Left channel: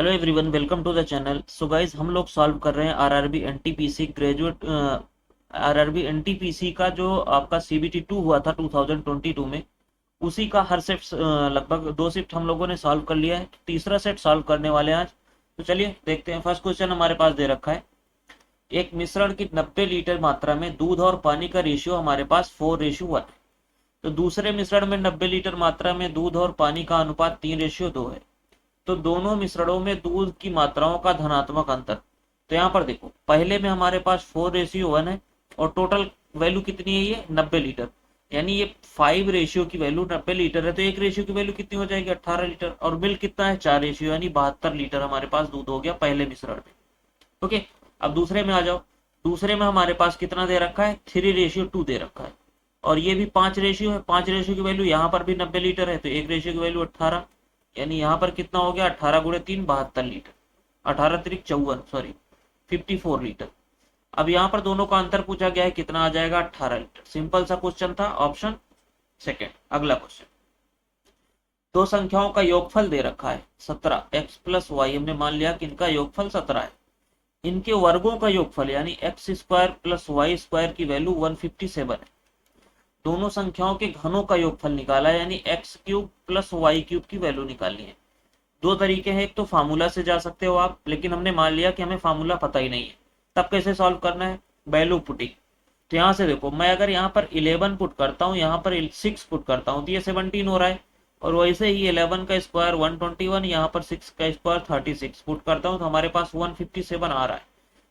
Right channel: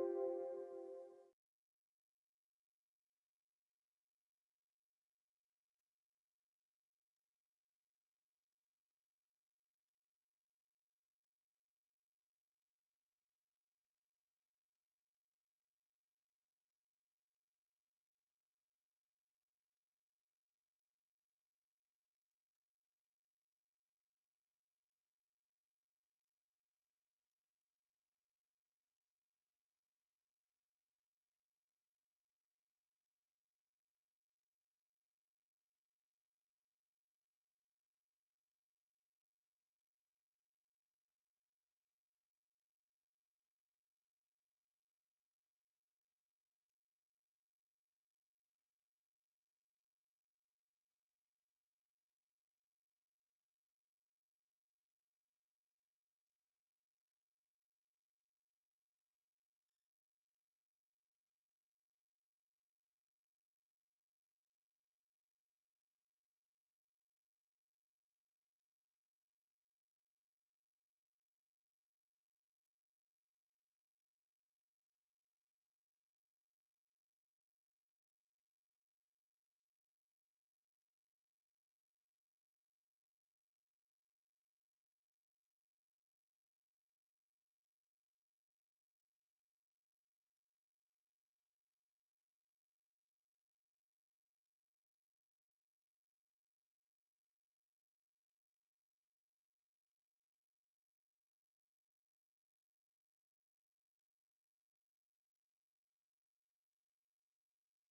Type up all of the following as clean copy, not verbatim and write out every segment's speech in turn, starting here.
Hello everyone, welcome to the channel. So guys, हम लोग solve कर रहे हैं RRB NTPC graduate RRB NTPC का जो आपका सीबीटी 2 हुआ था 2022 में। उसी का हर सेट लगभग दो शिफ्ट हम लोगों ने सॉल्व कर लिया है। तीसरा सेट सॉल्व करने वाले हैं आज। तो चलिए देखते हैं। फर्स्ट क्वेश्चन हमारे पास दे रखा है, एक मिश्रण की 90 लीटर मात्रा में दूध और पानी का रेशियो हमारे पास 4:1 है। तो दूसरे मिश्रण में 90 लीटर मात्रा में दूध और पानी का अनुपात 3:2 है। तो दोनों मिश्रणों में दूध की मात्राओं का धनात्मक अंतर। तो यहाँ पर देखो, पहले में हमारे पास 4:1 है और टोटल वैल्यू कितनी है, ये 90 लीटर। यानी ये 5 रेशियो की वैल्यू 90 लीटर है, तो एक रेशियो की वैल्यू कितनी हो जाएगी, 18 लीटर। और मिल्क कितना है, 4 रेशियो, यानी 72 लीटर हमारे पास दूध हो गया पहले मिश्रण में। ओके, अब दूसरे में आ जाओ। दूसरे में हमारे पास कितना दे रखा है, 3:2 दे रखा है। और ये भी 5 रेशियो है। 5 रेशियो की वैल्यू यहाँ पर भी 90 लीटर है, तो एक रेशियो की वैल्यू 18। यानी यहाँ पर कितना हो गया, 18 × 3 72 लीटर। 18 × 3 = 54, sorry 54 litre. अब यहाँ पर दोनों का अंतर पूछा गया है, कितना आ जाएगा, 18 लीटर। सिंपल सा क्वेश्चन था, ऑप्शन सेकेंड। अगला क्वेश्चन, दो संख्याओं का योगफल दे रखा है 17, x + y। हमने मान लिया कि इनका योगफल 17 है। इनके वर्गों का योगफल यानी x² + y² की वैल्यू 157 है। दोनों संख्याओं के घनों का योगफल निकाला है, यानी x³ + y³ की वैल्यू निकालनी है। दो तरीके हैं, एक तो फार्मूला से जा सकते हो आप, लेकिन हमने मान लिया कि हमें फार्मूला पता ही नहीं है। तब कैसे सॉल्व करना है, वैल्यू पुटिंग। तो यहाँ से देखो, मैं अगर यहाँ पर 11 पुट करता हूँ, यहाँ पर 6 पुट करता हूँ, तो ये 17 हो रहा है। और वैसे ही 11 का स्क्वायर 121, यहाँ पर 6 का स्क्वायर 36 पुट करता हूँ, तो हमारे पास 157 आ रहा है।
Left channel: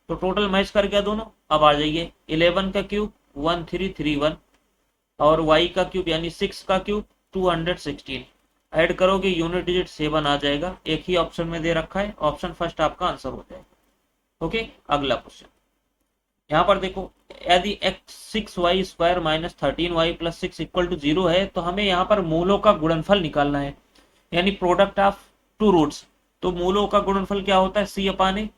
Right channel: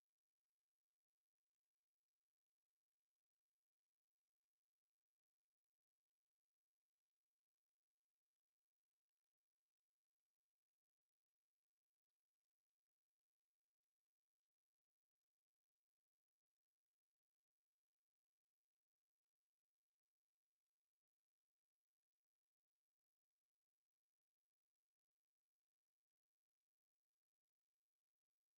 तो टोटल मैच कर गया दोनों। अब आ जाइए, 11 का क्यूब 1331 और y का क्यूब यानी 6 का क्यूब 216। ऐड करोगे यूनिट डिजिट 7 आ जाएगा। एक ही ऑप्शन में दे रखा है, ऑप्शन फर्स्ट आपका आंसर हो जाएगा। ओके, अगला क्वेश्चन। यहाँ पर देखो, यदि x6y² - 13y + 6 = 0 है, तो हमें यहाँ पर मूलों का गुणनफल निकालना है, यानी प्रोडक्ट ऑफ टू रूट्स। तो मूलों का गुणनफल क्या होता है, c/a।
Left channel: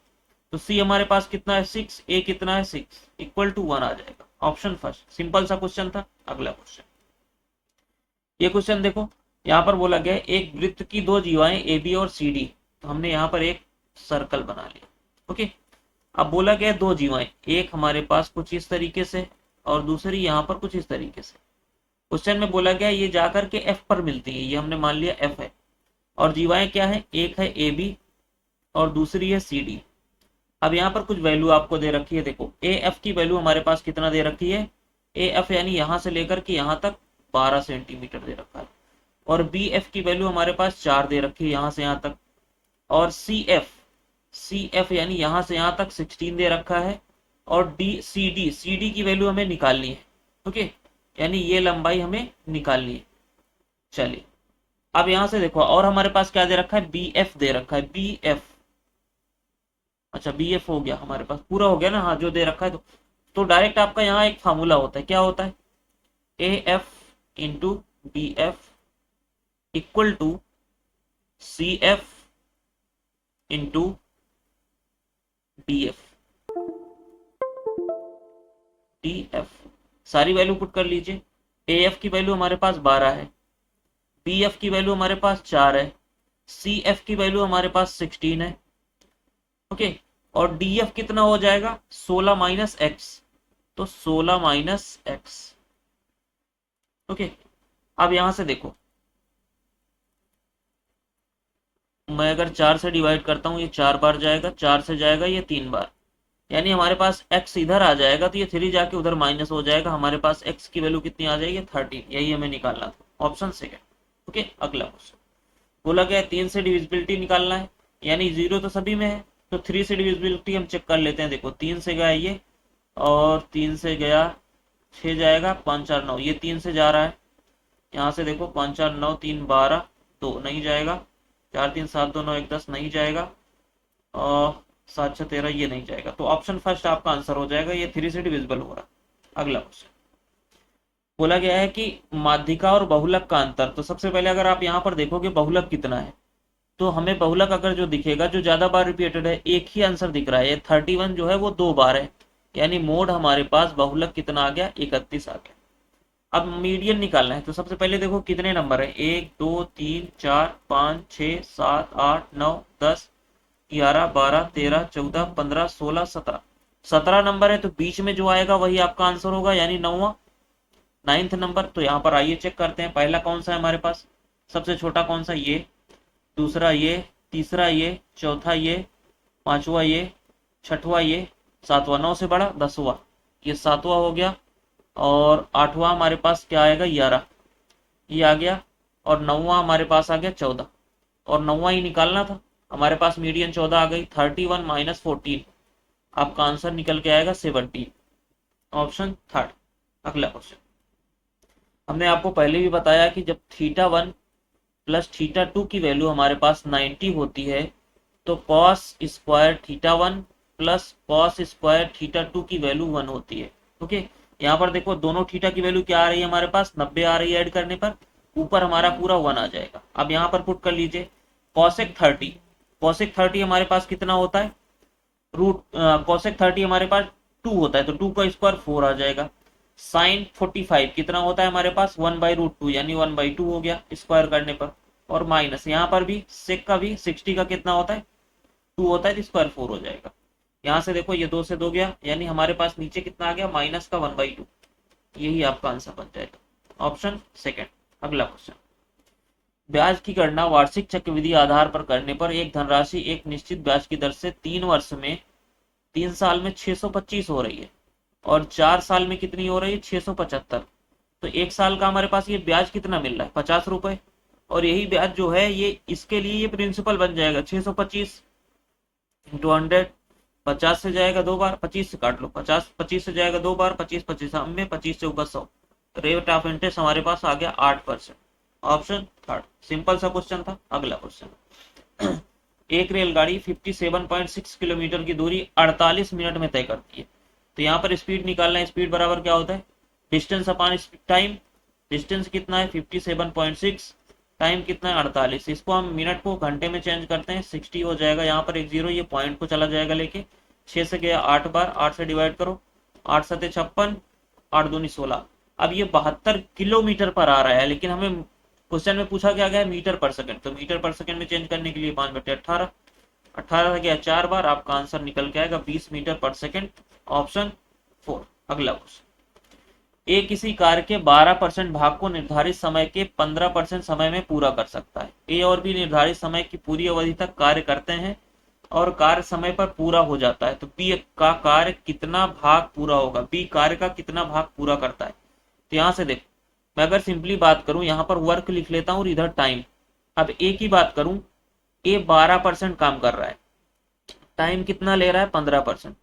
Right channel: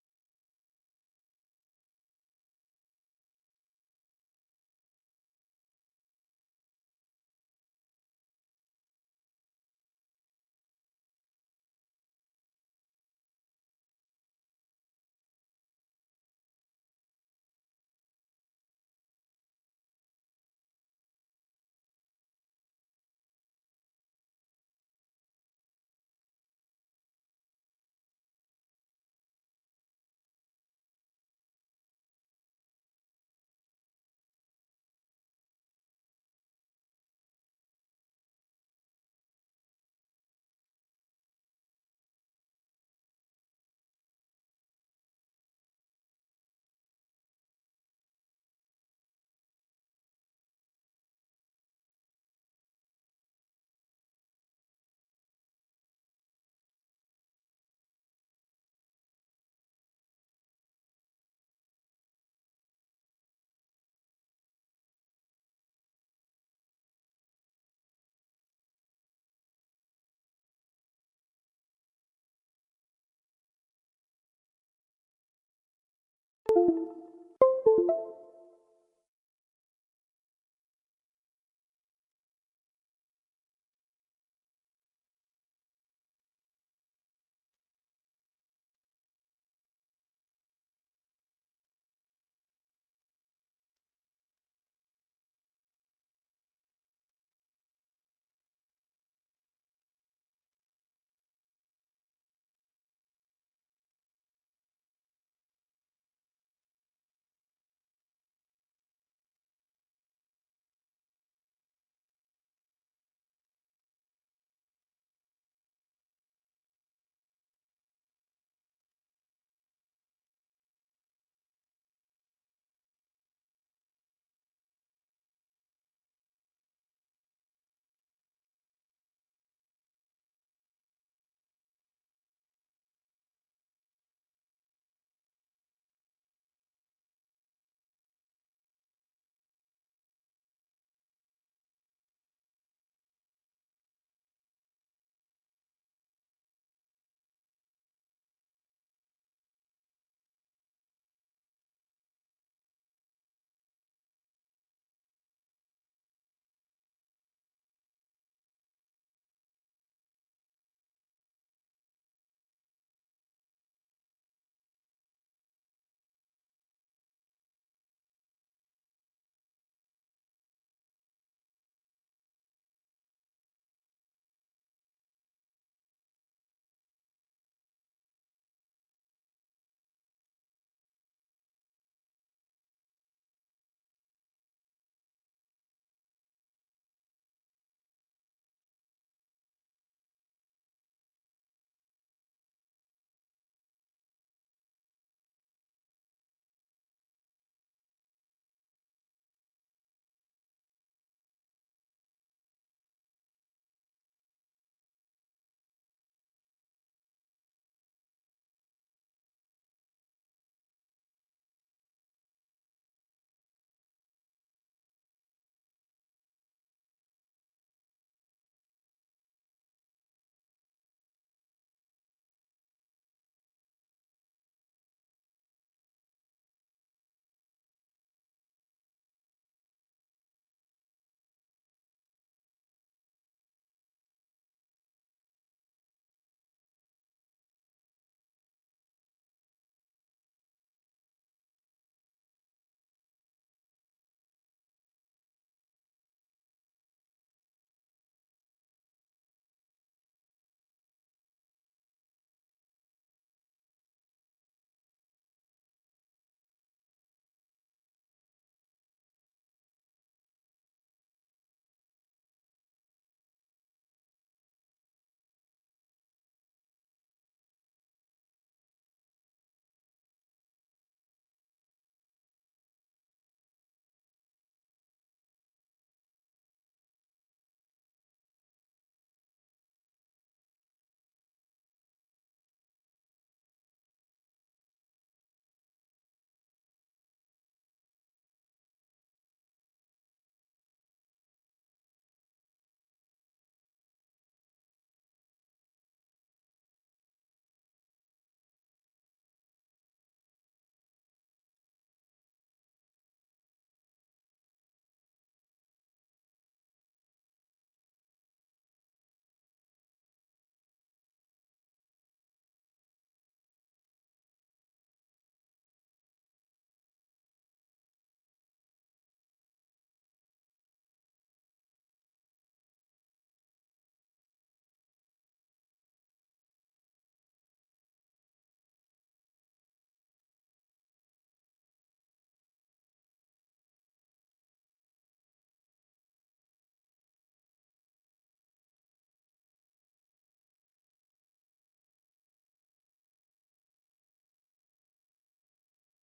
तो c हमारे पास कितना है, 6, a कितना है, 6 = 1 आ जाएगा। Option first. सिंपल सा क्वेश्चन था। अगला क्वेश्चन, ये क्वेश्चन देखो, यहाँ पर बोला गया है एक वृत्त की दो जीवाएं ए बी और सी डी। तो हमने यहाँ पर एक सर्कल बना लिया। ओके, अब बोला गया दो जीवाएं, एक हमारे पास कुछ इस तरीके से और दूसरी यहाँ पर कुछ इस तरीके से। क्वेश्चन में बोला गया ये जाकर के एफ पर मिलती है, ये हमने मान लिया एफ है। और जीवाएं क्या है, एक है ए बी और दूसरी है सी डी। अब यहाँ पर कुछ वैल्यू आपको दे रखी है। देखो, ए एफ की वैल्यू हमारे पास कितना दे रखी है, ए एफ यानी यहाँ से लेकर के यहाँ तक 12 सेंटीमीटर दे रखा है। और बी एफ की वैल्यू हमारे पास 4 दे रखी है, यहाँ से यहाँ तक। और सी एफ यानी यहाँ से यहाँ तक 16 दे रखा है। और सी डी की वैल्यू हमें निकालनी है। ओके, यानी ये लंबाई हमें निकालनी है। चलिए, अब यहाँ से देखो, और हमारे पास क्या दे रखा है, बी एफ दे रखा है, बी एफ। अच्छा, बी एफ हो गया हमारे पास, पूरा हो गया ना, हाँ जो दे रखा है। तो डायरेक्ट आपका यहाँ एक फार्मूला होता है, क्या होता है, A F into B F equal to C F into D F. D F सारी वैल्यू पुट कर लीजिए। ए एफ की वैल्यू हमारे पास 12 है, बी एफ की वैल्यू हमारे पास 4 है, सी एफ की वैल्यू हमारे पास 16 है। ओके, और डी एफ कितना हो जाएगा, 16 - x। तो 16 - x। ओके, अब यहां से देखो, मैं अगर 4 से डिवाइड करता हूँ, ये 4 बार जाएगा, 4 से जाएगा ये 3 बार। यानी हमारे पास x इधर आ जाएगा, तो ये 3 जाके उधर माइनस हो जाएगा। हमारे पास x की वैल्यू कितनी आ जाएगी, 13। यही हमें निकालना था, ऑप्शन सेकेंड। ओके, अगला क्वेश्चन। बोला गया 3 से डिविजिबिलिटी निकालना है, यानी 0 तो सभी में है। तो 3 से डिविजिबिलिटी हम चेक कर लेते हैं। देखो, 3 से गया ये और 3 से गया 6 जाएगा, 5 4 9, ये 3 से जा रहा है। यहाँ से देखो, 5 4 9 3 12, 2 नहीं जाएगा। 4 3 7 2 9 1 10 नहीं जाएगा। और 7 6 13, ये नहीं जाएगा। तो ऑप्शन फर्स्ट आपका आंसर हो जाएगा, ये 3 से डिविजिबल हो रहा है। अगला क्वेश्चन, बोला गया है कि माध्यिका और बहुलक का अंतर। तो सबसे पहले अगर आप यहाँ पर देखोगे बहुलक कितना है, तो हमें बहुलक अगर जो दिखेगा, जो ज्यादा बार रिपीटेड है, एक ही आंसर दिख रहा है, 31 जो है वो 2 बार है। यानी मोड हमारे पास बहुलक कितना आ गया, 31 आ गया। अब मीडियन निकालना है। तो सबसे पहले देखो कितने नंबर है, 1 2 3 4 5 6 7 8 9 10। 11, 12, 13, 14, 15, 16, 17। 17 नंबर है, तो बीच में जो आएगा वही आपका आंसर होगा, यानी नौवा, नाइन्थ नंबर। तो यहाँ पर आइए चेक करते हैं, पहला कौन सा है हमारे पास, सबसे छोटा कौन सा, ये, दूसरा ये, तीसरा ये, चौथा ये, पांचवा ये, छठवा ये, सातवां, 9 से बड़ा 10वां, ये 7वां हो गया। और 8वां हमारे पास क्या आएगा, 11, ये आ गया। और 9वां हमारे पास आ गया 14, और 9वां ही निकालना था, हमारे पास मीडियन 14 आ गई। 31 माइनस 14, आपका आंसर निकल के आएगा 17, ऑप्शन थर्ड। अगला क्वेश्चन, हमने आपको पहले भी बताया कि जब थीटा 1 प्लस थीटा 2 की वैल्यू हमारे पास 90 होती है, तो cos square theta 1 plus cos square theta 2 की वैल्यू 1 होती है। ओके, यहाँ पर देखो दोनों थीटा की वैल्यू क्या आ रही है हमारे पास, 90 आ रही है, ऐड करने पर ऊपर हमारा पूरा 1 आ जाएगा। अब यहाँ पर पुट कर लीजिए, कॉसेक 30 हमारे पास कितना होता है, रूट कॉसेक 30 हमारे पास 2 होता है, तो 2 का स्क्वायर 4 आ जाएगा। साइन 45 कितना होता है हमारे पास, 1/√2, यानी 1/2 हो गया स्क्वायर करने पर। और माइनस यहाँ पर भी सेक का भी 60 का कितना होता है, 2 होता है, तो स्क्वायर 4 हो जाएगा। यहाँ से देखो ये 2 से 2 गया, यानी हमारे पास नीचे कितना आ गया, माइनस का 1/2। यही आपका आंसर बन जाएगा, ऑप्शन सेकेंड। अगला क्वेश्चन, ब्याज की गणना वार्षिक चक्रवृद्धि आधार पर करने पर एक धनराशि एक निश्चित ब्याज की दर से 3 वर्ष में, 3 साल में 625 हो रही है, और 4 साल में कितनी हो रही है, 675। तो 1 साल का हमारे पास ये ब्याज कितना मिल रहा है, 50 रुपए। और यही ब्याज जो है ये इसके लिए ये प्रिंसिपल बन जाएगा 625 इंटू 100। 50 से जाएगा 2 बार, 25 से काट लो, 50 25 से जाएगा 2 बार, 25 25 में, 25 चौका 100। रेट ऑफ इंटरेस्ट हमारे पास आ गया 8%, ऑप्शन थर्ड। सिंपल सा क्वेश्चन था। अगला क्वेश्चन, एक रेलगाड़ी 57.6 किलोमीटर की दूरी 48 मिनट में तय करती है। तो यहाँ पर स्पीड निकालना है, स्पीड बराबर क्या होता है, डिस्टेंस अपॉन टाइम। डिस्टेंस कितना है 57.6, टाइम कितना है 48, इसको हम मिनट को घंटे में चेंज करते हैं, 60 हो जाएगा। यहाँ पर एक जीरो ये पॉइंट को चला जाएगा लेके, 6 से गया 8 बार, 8 से डिवाइड करो, 8 सते 56, 8 दूनी 16। अब ये 72 किलोमीटर पर आ रहा है, लेकिन हमें क्वेश्चन में पूछा क्या गया, मीटर पर सेकंड, तो मीटर पर सेकंड में चेंज करने के लिए 5/18, 18 से गया 4 बार, आपका आंसर निकल के आएगा 20 मीटर पर सेकंड, ऑप्शन 4। अगला क्वेश्चन, ए किसी कार्य के 12% भाग को निर्धारित समय के 15% समय में पूरा कर सकता है। ए और बी निर्धारित समय की पूरी अवधि तक कार्य करते हैं और कार्य समय पर पूरा हो जाता है, तो बी का कार्य कितना भाग पूरा होगा, बी कार्य का कितना भाग पूरा करता है। तो यहाँ से देखो, मैं अगर सिंपली बात करूं, यहाँ पर वर्क लिख लेता हूं और इधर टाइम। अब ए की बात करूं, ए 12% काम कर रहा है, टाइम कितना ले रहा है 15%।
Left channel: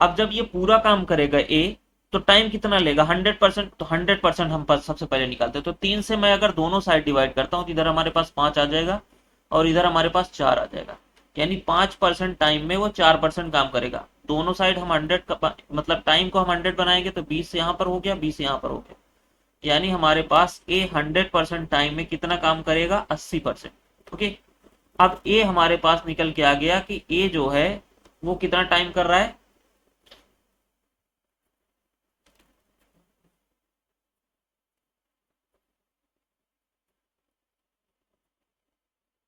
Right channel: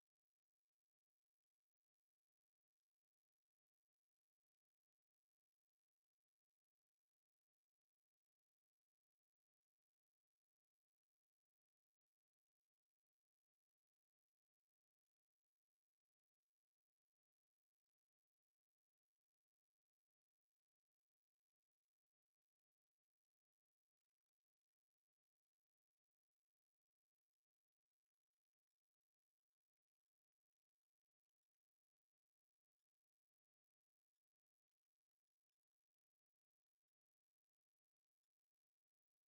अब जब ये पूरा काम करेगा ए, तो टाइम कितना लेगा 100%, तो 100% हम सबसे पहले निकालते हैं। तो 3 से मैं अगर दोनों साइड डिवाइड करता हूँ, तो इधर हमारे पास 5 आ जाएगा और इधर हमारे पास 4 आ जाएगा, यानी 5% टाइम में वो 4% काम करेगा। दोनों साइड हम 100 मतलब टाइम को हम 100 बनाएंगे, तो 20 यहाँ पर हो गया, 20 यहाँ पर हो गया, यानी हमारे पास ए 100% टाइम में कितना काम करेगा, 80%। ओके, अब ए हमारे पास निकल के आ गया कि ए जो है वो कितना टाइम कर रहा है,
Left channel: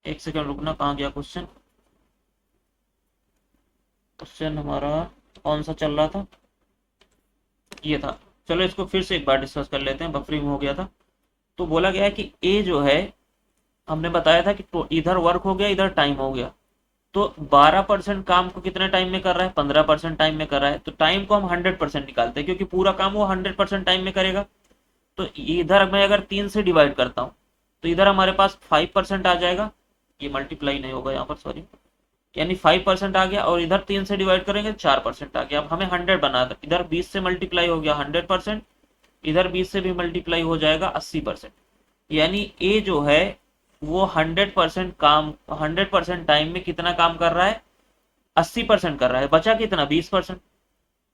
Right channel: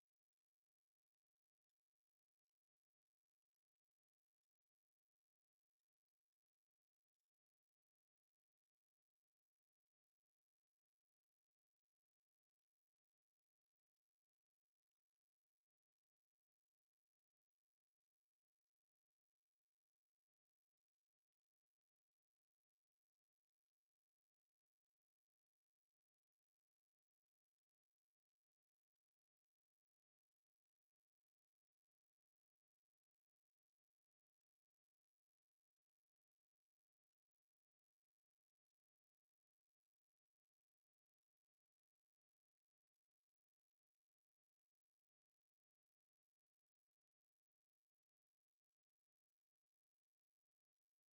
एक सेकंड रुकना, कहाँ गया क्वेश्चन, क्वेश्चन हमारा कौन सा चल रहा था, ये था। चलो इसको फिर से एक बार डिस्कस कर लेते हैं, बफरिंग हो गया था। तो बोला गया है कि ए जो है, हमने बताया था कि तो इधर वर्क हो गया, इधर टाइम हो गया, तो 12% काम को कितने टाइम में कर रहा है, 15% टाइम में कर रहा है। तो टाइम को हम 100% निकालते हैं, क्योंकि पूरा काम वो 100% टाइम में करेगा। तो इधर मैं अगर 3 से डिवाइड करता हूँ, तो इधर हमारे पास 5% आ जाएगा, ये मल्टीप्लाई नहीं होगा यहाँ पर, सॉरी, यानी 5% आ गया, और इधर 3 से डिवाइड करेंगे 4% आ गया। अब हमें 100 बना था, इधर 20 से मल्टीप्लाई हो गया 100%, इधर 20 से भी मल्टीप्लाई हो जाएगा 80%, यानी ए जो है वो 100% काम, 100% टाइम में कितना काम कर रहा है, 80% कर रहा है, बचा कितना 20%।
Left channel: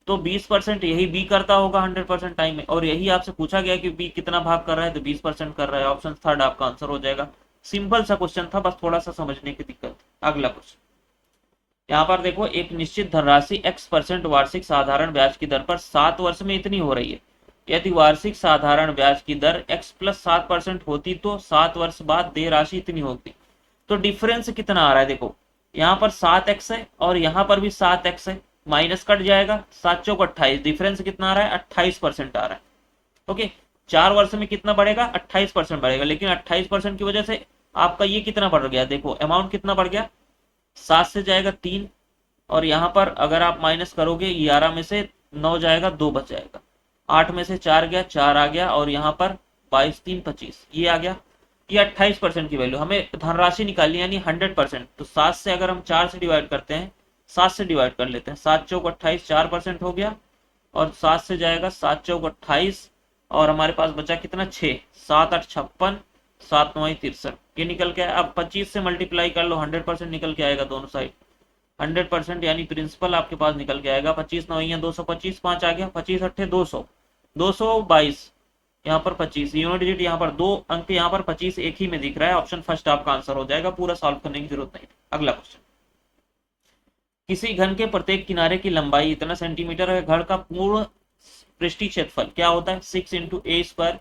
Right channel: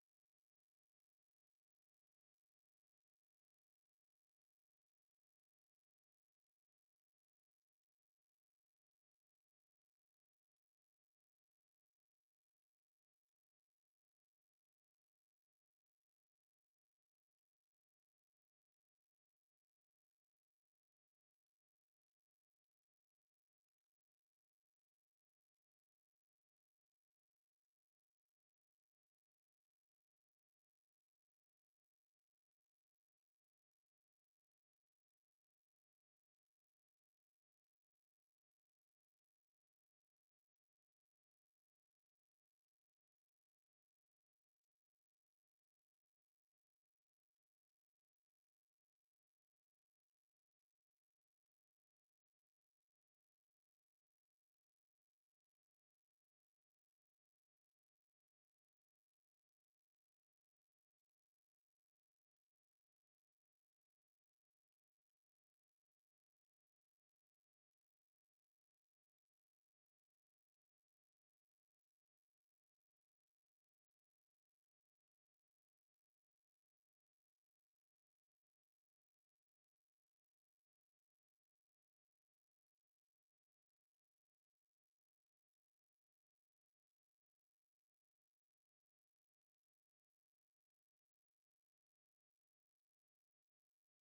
तो 20% यही बी करता होगा 100% टाइम में, और यही आपसे पूछा गया कि बी कितना भाग कर रहा है, तो 20% कर रहा है, ऑप्शन थर्ड आपका आंसर हो जाएगा। सिंपल सा क्वेश्चन था, बस थोड़ा सा समझने की दिक्कत। अगला क्वेश्चन, यहाँ पर देखो, एक निश्चित धनराशि x% वार्षिक साधारण ब्याज की दर पर 7 वर्ष में इतनी हो रही है। यदि वार्षिक साधारण ब्याज की दर x प्लस 7% होती, तो 7 वर्ष बाद देय राशि इतनी होती। तो डिफरेंस कितना आ रहा है देखो, यहाँ पर 7x है और यहाँ पर भी 7x है, माइनस कट जाएगा, 7 चौक 28, डिफरेंस कितना आ रहा है 28% आ रहा है। ओके, 4 वर्ष में कितना बढ़ेगा 28% बढ़ेगा, लेकिन 28% की वजह से आपका ये कितना बढ़ गया, देखो अमाउंट कितना बढ़ गया, 7 से जाएगा 3, और यहाँ पर अगर आप माइनस करोगे 11 में से 9 जाएगा 2 बच जाएगा, 8 में से 4 गया 4 आ गया, और यहाँ पर 22 3 25 ये आ गया। ये 28% की वैल्यू हमें धनराशि निकालनी यानी 100%। तो 7 से अगर हम 4 से डिवाइड करते हैं, 7 से डिवाइड कर लेते हैं, 7 चौक 28 4% हो गया, और 7 से जाएगा 7 चौक 28, और हमारे पास बचा कितना 6, 7 8 56, 7 9 63, ये निकल के आया। अब 25 से मल्टीप्लाई कर लो, 100% निकल के आएगा दोनों साइड, 100% यानी प्रिंसिपल आपके पास निकल के आएगा। 25 9 225, 5 आ गया, 25 अट्ठे 200, 222, यहाँ पर 25 यूनिट डिजिट, यहाँ पर 2 अंक, यहाँ पर 25 एक ही में दिख रहा है, ऑप्शन फर्स्ट आपका आंसर हो जाएगा, पूरा सॉल्व करने की जरूरत नहीं। अगला क्वेश्चन, किसी घन के प्रत्येक किनारे की लंबाई इतना सेंटीमीटर है, घन का पूर्ण पृष्ठीय क्षेत्रफल क्या होता है 6 इंटू ए स्क्वायर,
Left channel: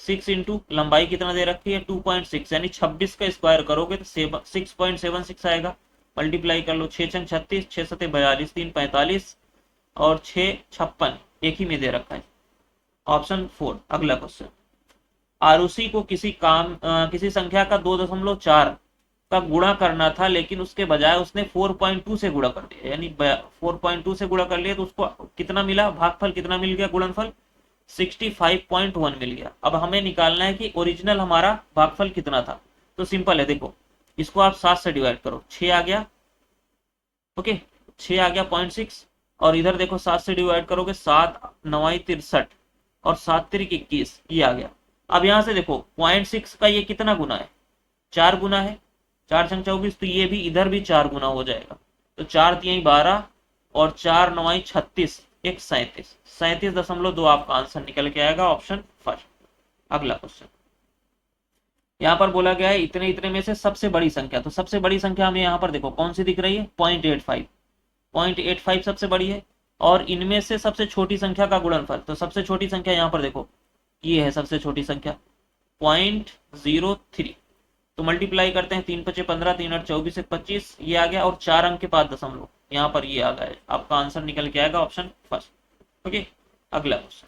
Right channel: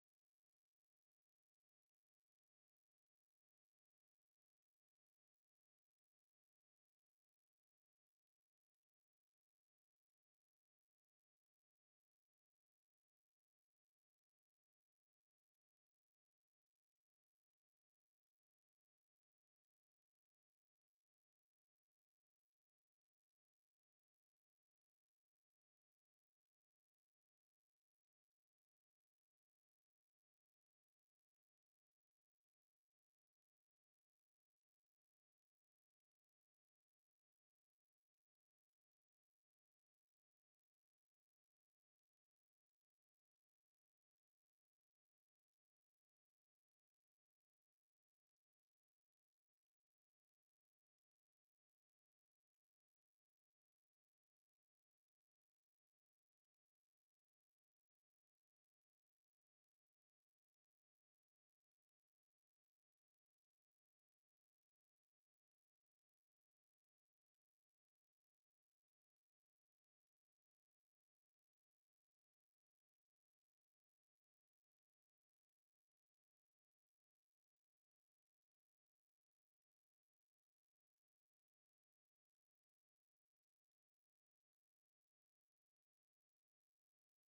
6 इंटू लंबाई कितना दे रखी है 2.6, यानी 26 का स्क्वायर करोगे तो 6.76 आएगा, मल्टीप्लाई कर लो, 6 छंग 36, 6 सते 42, 3 45, और 6 56 एक ही में दे रखा है, ऑप्शन 4। अगला क्वेश्चन, आरुषि को किसी संख्या का 2.4 का गुणा करना था, लेकिन उसके बजाय उसने 4.2 से गुणा कर दिया, यानी 4.2 से गुणा कर लिया, तो उसको कितना मिला, भागफल कितना मिल गया, गुणनफल 65.1 मिल गया। अब हमें निकालना है कि ओरिजिनल हमारा भागफल कितना था। तो सिंपल है, देखो इसको आप 7 से डिवाइड करो, 6 आ गया, ओके 6 आ गया 0.6, और इधर देखो 7 से डिवाइड करोगे, 7 9 63, और 7 3 21, ये आ गया। अब यहां से देखो 0.6 का ये कितना गुना है, 4 गुना है, 4 छंग 24, तो ये भी इधर भी 4 गुना हो जाएगा, तो 4 3 12, और 4 9 36, एक 37, 37.2 आपका आंसर निकल के आएगा, ऑप्शन फर्स्ट। अगला क्वेश्चन, यहाँ पर बोला गया है इतने इतने में से सबसे बड़ी संख्या, तो सबसे बड़ी संख्या हमें यहाँ पर देखो कौन सी दिख रही है 0.85, 0.85 सबसे बड़ी है, और इनमें से सबसे छोटी संख्या का गुणनफल, तो सबसे छोटी संख्या यहाँ पर देखो ये है सबसे छोटी संख्या 0.03, तो मल्टीप्लाई करते हैं, 3 5 15, 3 8 24, 25 ये आ गया, और 4 अंक के बाद दशमलव यहाँ पर ये आ गया, आपका आंसर निकल के आएगा, ऑप्शन फर्स्ट। ओके, अगला क्वेश्चन,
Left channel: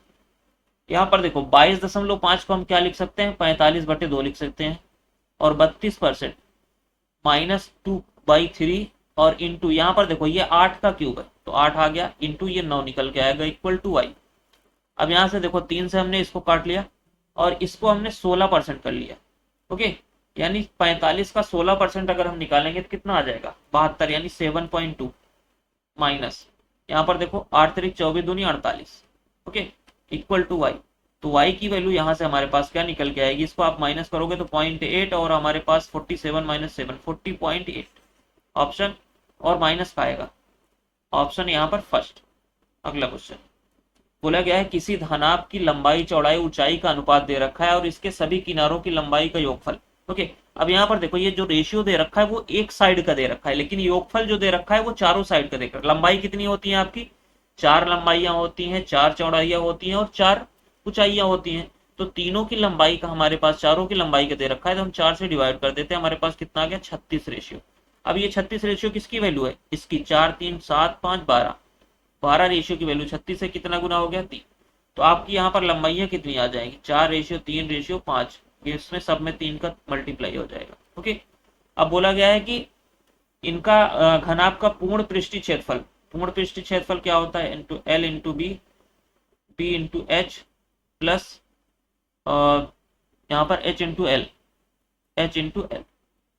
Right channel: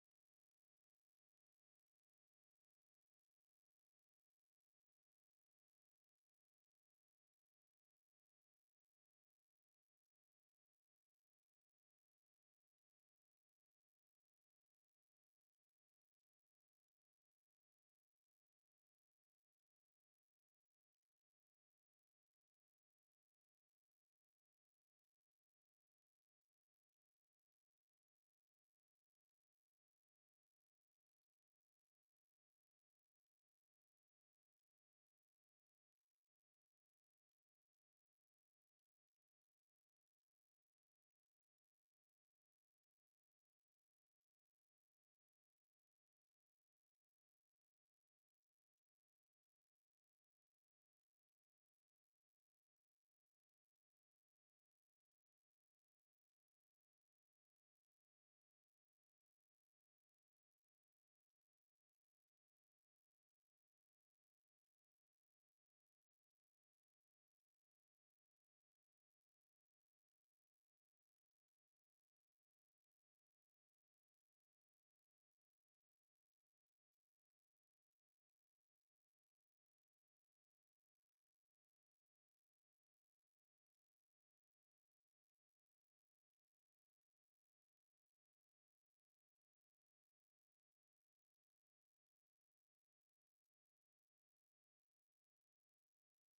यहाँ पर देखो 22.5 को हम क्या लिख सकते हैं 45/2 लिख सकते हैं, और 32% -2/3, और इंटू यहाँ पर देखो ये 8 का क्यूब है, तो 8 आ गया, इंटू ये 9 निकल के आएगा, इक्वल टू y। अब यहाँ से देखो 3 से हमने इसको काट लिया, और इसको हमने 16% कर लिया, ओके, यानी 45 का 16% अगर हम निकालेंगे तो कितना आ जाएगा 72, यानी 7.2, माइनस यहाँ पर देखो 8 3 24 दूनी 48, ओके, इक्वल टू y। तो y की वैल्यू यहाँ से हमारे पास क्या निकल के आएगी, इसको आप माइनस करोगे तो 0.8, और हमारे पास 47 - 7 40.8, ऑप्शन, और माइनस का आएगा, ऑप्शन यहाँ पर फर्स्ट। अगला क्वेश्चन, बोला गया है किसी धनाभ की लंबाई चौड़ाई ऊंचाई का अनुपात दे रखा है, और इसके सभी किनारों की लंबाई का योगफल, ओके। अब यहाँ पर देखो ये जो रेशियो दे रखा है वो एक साइड का दे रखा है, लेकिन योगफल जो दे रखा है वो चारों साइड का देकर, लंबाई कितनी होती है आपकी 4 लंबाइयां होती हैं, 4 चौड़ाइयां होती हैं, और 4 ऊंचाइयां होती हैं, तो तीनों की लंबाई का हमारे पास चारों की लंबाई का दे रखा है, तो हम 4 से डिवाइड कर देते हैं, हमारे पास कितना आ गया 36 रेशियो। अब ये 36 रेशियो किसकी वैल्यू है, इसकी 4 3 7 5 12, 12 रेशियो की वैल्यू 36 से कितना गुना हो गया 3, तो आपकी यहाँ पर लंबाइयां कितनी आ जाएंगी 4 रेशियो 3 रेशियो 5, इसमें सब में 3 का मल्टीप्लाई हो जाएगा, ओके। अब बोला गया है कि इनका घनाभ का पूर्ण पृष्ठीय क्षेत्रफल, पूर्ण पृष्ठीय क्षेत्रफल क्या होता है into L into B, B into H, plus यहाँ पर H into L, H into L,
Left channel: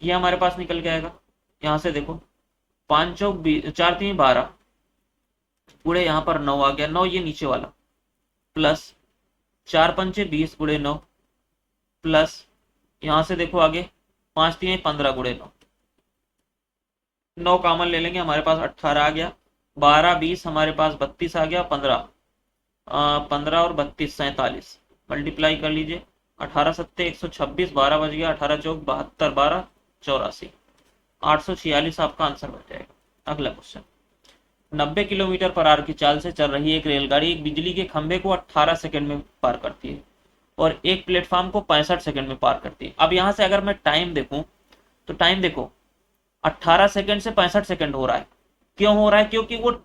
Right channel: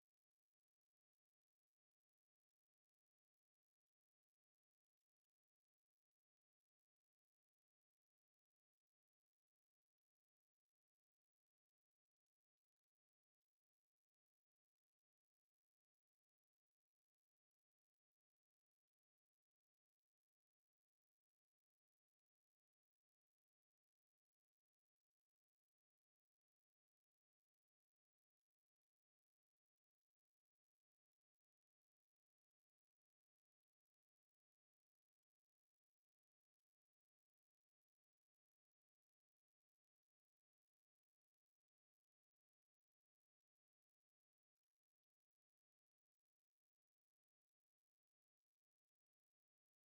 ये हमारे पास निकल के आएगा। यहाँ से देखो 5 चौक 4 3 12, पूरे यहाँ पर 9 आ गया, 9 ये नीचे वाला, प्लस 4 पंचे 20 गुणे 9, प्लस यहाँ से देखो आगे 5 3 15 गुणे 9, 9 कॉमन ले लेंगे, हमारे पास 18 आ गया, 12 20 हमारे पास 32 आ गया, 15 15 और 32 47, मल्टीप्लाई कर लीजिए, 18 सत्ते 126, 12 बज गया, 18 चौक 72, 12 84, 846 आपका आंसर बन जाएगा। अगला क्वेश्चन, 90 किलोमीटर पर आवर की चाल से चल रही एक रेलगाड़ी एक बिजली के खंभे को 18 सेकंड में पार करती है, और एक प्लेटफॉर्म को 65 सेकंड में पार करती है। अब यहाँ से अगर मैं टाइम देखूं, तो टाइम देखो 18 सेकंड से 65 सेकंड हो रहा है। क्यों हो रहा है? क्योंकि वो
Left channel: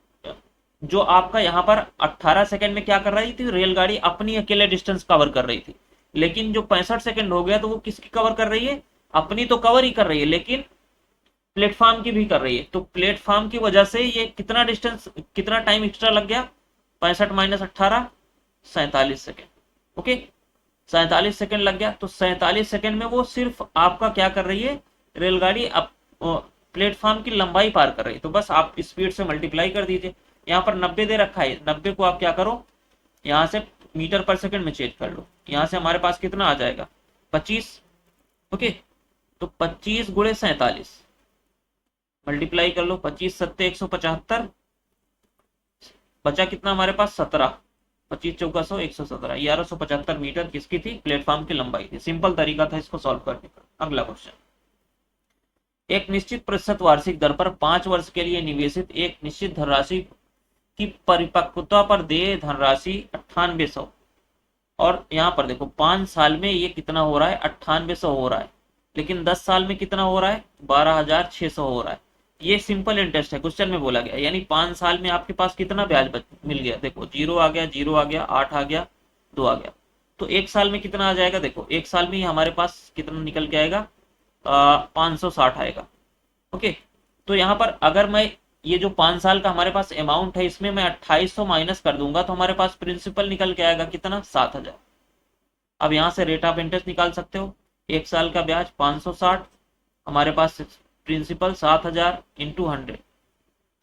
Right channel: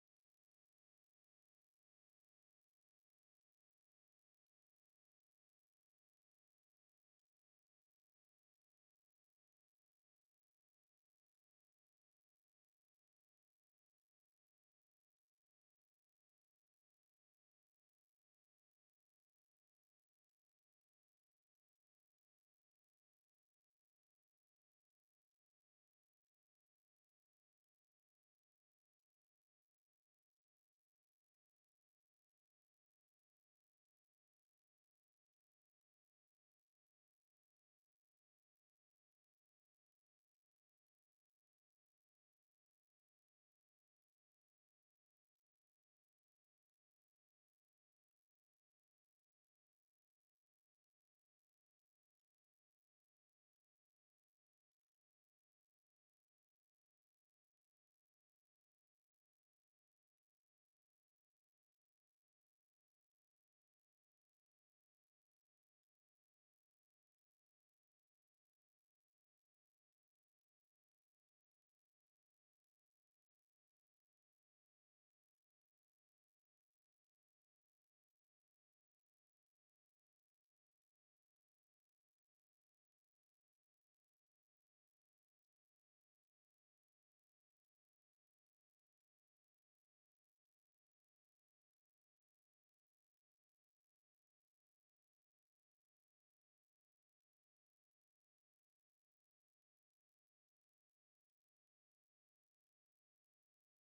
जो आपका यहाँ पर 18 सेकंड में क्या कर रही थी, रेलगाड़ी अपनी अकेले डिस्टेंस कवर कर रही थी। लेकिन जो 65 सेकंड हो गया तो वो किसकी कवर कर रही है? अपनी तो कवर ही कर रही है, लेकिन प्लेटफॉर्म की भी कर रही है। तो प्लेटफॉर्म की वजह से ये कितना डिस्टेंस, कितना टाइम एक्स्ट्रा लग गया? 65 माइनस 18, 47 सेकेंड। ओके, 47 सेकेंड लग गया। तो 47 सेकेंड में वो सिर्फ आपका क्या कर रही है, रेलगाड़ी प्लेटफॉर्म की लंबाई पार कर रही है। तो बस आप स्पीड से मल्टीप्लाई कर दीजिए। यहाँ पर 90 दे रखा है, 90 को आप क्या करो, यहाँ से मीटर पर सेकंड में चेंज कर लो। यहाँ से हमारे पास कितना आ जाएगा? 25। ओके, तो 25 गुणे 47 मल्टीप्लाई कर लो। 25 सत्ते 175, बचा कितना हमारे पास? 17। 25 चौका 100, 117, 1175 मीटर किसकी थी? प्लेटफॉर्म की लंबाई थी। सिंपल तरीका था इसको सॉल्व करने का। अगला क्वेश्चन, एक निश्चित प्रतिशत वार्षिक दर पर 5 वर्ष के लिए निवेशित एक निश्चित धनराशि की परिपक्वता पर देय धनराशि 9800, और यहाँ पर देखो 5 साल में ये कितना हो रहा है? 9800 हो रहा है। लेकिन 10 साल में कितना हो रहा है? 12600 हो रहा है। ये सिंपल इंटरेस्ट है, क्वेश्चन में बोला गया। यानी 5 साल में आपके पास कितना ब्याज मिल गया? देखो 0 आ गया, 0 आ गया, 8 आ गया, 2 आ गया। तो एक साल में कितना आ जाएगा? देखो एक साल में हमारे पास कितना निकल के आएगा? 560 आएगा। ओके, तो यहाँ पर अगर मैं ये जो 5 साल का हमारे पास अमाउंट है, इसमें मैं 2800 माइनस कर दूंगा तो हमारे पास प्रिंसिपल निकल के आएगा कितना? 7000। अब यहाँ से रेट ऑफ इंटरेस्ट निकाल सकते हो। एक साल का ब्याज 560, हमारे पास प्रिंसिपल 7000 इंटू 100,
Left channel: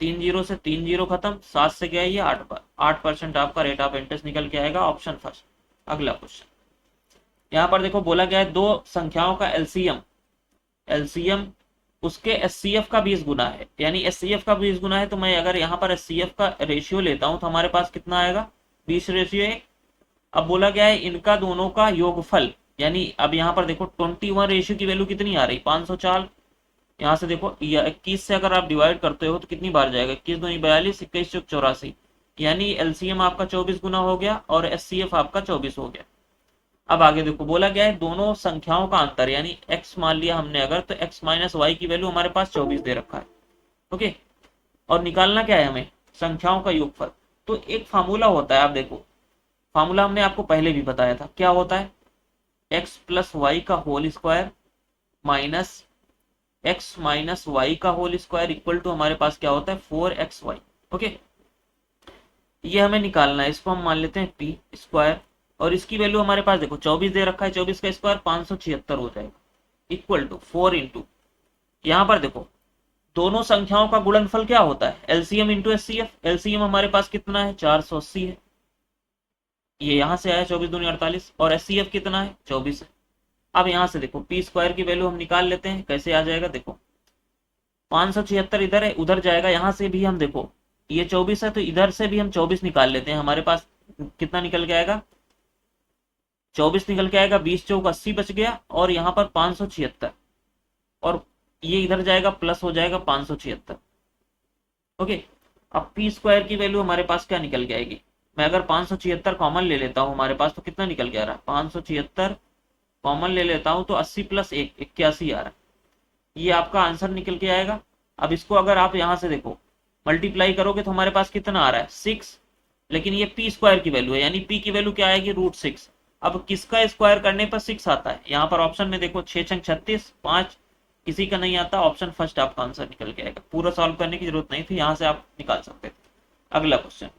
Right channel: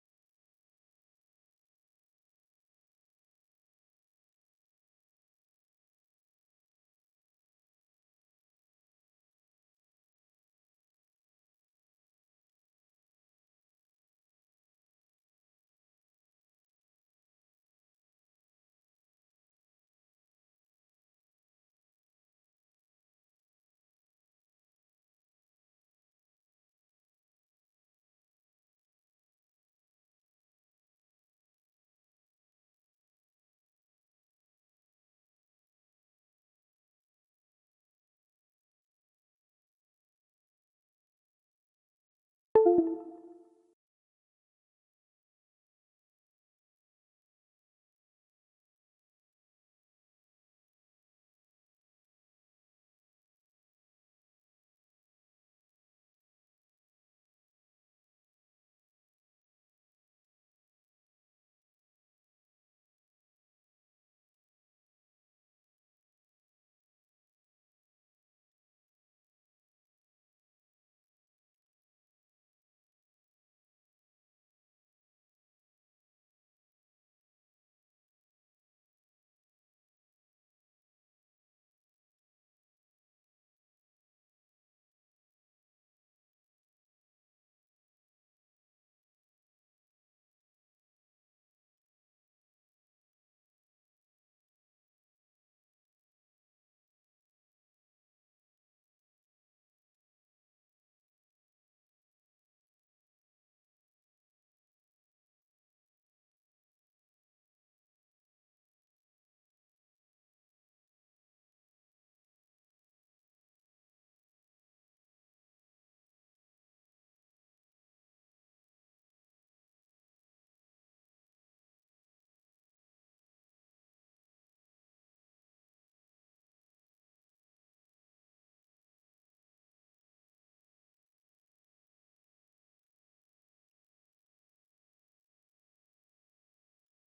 3 जीरो से 3 जीरो खत्म, 7 से गया ये 8% आपका रेट ऑफ इंटरेस्ट निकल के आएगा। Option first. अगला क्वेश्चन, यहाँ पर देखो बोला गया है दो संख्याओं का एलसीएम, एलसीएम उसके एचसीएफ का 20 गुना है। यानी एचसीएफ का 20 गुना है, तो मैं अगर यहाँ पर एचसीएफ का रेशियो लेता हूँ तो हमारे पास कितना आएगा? 20:1। अब बोला गया है इनका दोनों का योगफल, यानी अब यहाँ पर देखो 21 रेशियो की वैल्यू कितनी आ रही? 504। यहाँ से देखो 21 से अगर आप डिवाइड करते हो तो कितनी बार जाएगा? 21 दूनी 42, 21 चौक 84। यानी एलसीएम आपका 24 गुना हो गया और एचसीएफ आपका 24 हो गया। अब आगे देखो बोला गया है दोनों संख्याओं का अंतर, यानी x मान लिया हमने अगर, तो x माइनस वाई की वैल्यू हमारे पास 24 दे रखा है। ओके, और निकालना क्या है हमें? संख्याओं का योगफल। तो एक फार्मूला होता है, आप देखो फार्मूला हमने आपको पहले भी बताया था, क्या होता है? x प्लस वाई का whole square minus x minus Y का होल स्क्वायर इक्वल टू हमारे पास क्या होता है? 4xy। ओके, ये हमें निकालना है। इसको हम मान लेते हैं पी स्क्वायर, और इसकी वैल्यू हमारे पास देखो 24 दे रखा है, 24 का स्क्वायर 576 हो जाएगा, इक्वल टू 4 इंटू, यहाँ पर देखो दोनों संख्याओं का गुणनफल क्या होता है? LCM into HCF. एलसीएम हमारे पास कितना है? 480 है, ये यहाँ से आया 24 दूनी 48, और एचसीएफ कितना है? 24 है। अब यहाँ से देखो पी स्क्वायर की वैल्यू हम निकाल लेते हैं। कैसे आ जाएगा? देखो 576 इधर है, उधर जाएगा, यहाँ से भी हम देखो ये 24 है तो इधर से भी हम 24 निकाल लेते हैं। हमारे पास कितना निकल के आएगा? 24 निकल के आएगा, 20 चौक 80 बच गया, और यहाँ पर 576, और ये इधर जाएगा प्लस हो जाएगा 576। ओके, अब पी स्क्वायर की वैल्यू हमारे पास क्या निकल के आएगी? मैं अगर 576 कॉमन ले लेता हूँ हमारे पास, तो कितना निकल के आ रहा है? 576 कॉमन ले लेता हूँ तो 80 प्लस 1 81 आ रहा है। ये आपका आंसर निकल के आएगा। अब इसको अगर आप यहाँ से देखो मल्टीप्लाई करोगे तो हमारे पास कितना आ रहा है? 6। लेकिन ये पी स्क्वायर की वैल्यू है, यानी पी की वैल्यू क्या आएगी? √6। अब किसका स्क्वायर करने पर 6 आता है? यहाँ पर ऑप्शन में देखो 6 छंग 36, 5 किसी का नहीं आता। ऑप्शन फर्स्ट आपका आंसर निकल के आएगा। पूरा सॉल्व करने की जरूरत नहीं थी, यहाँ से आप निकाल सकते थे। अगला क्वेश्चन,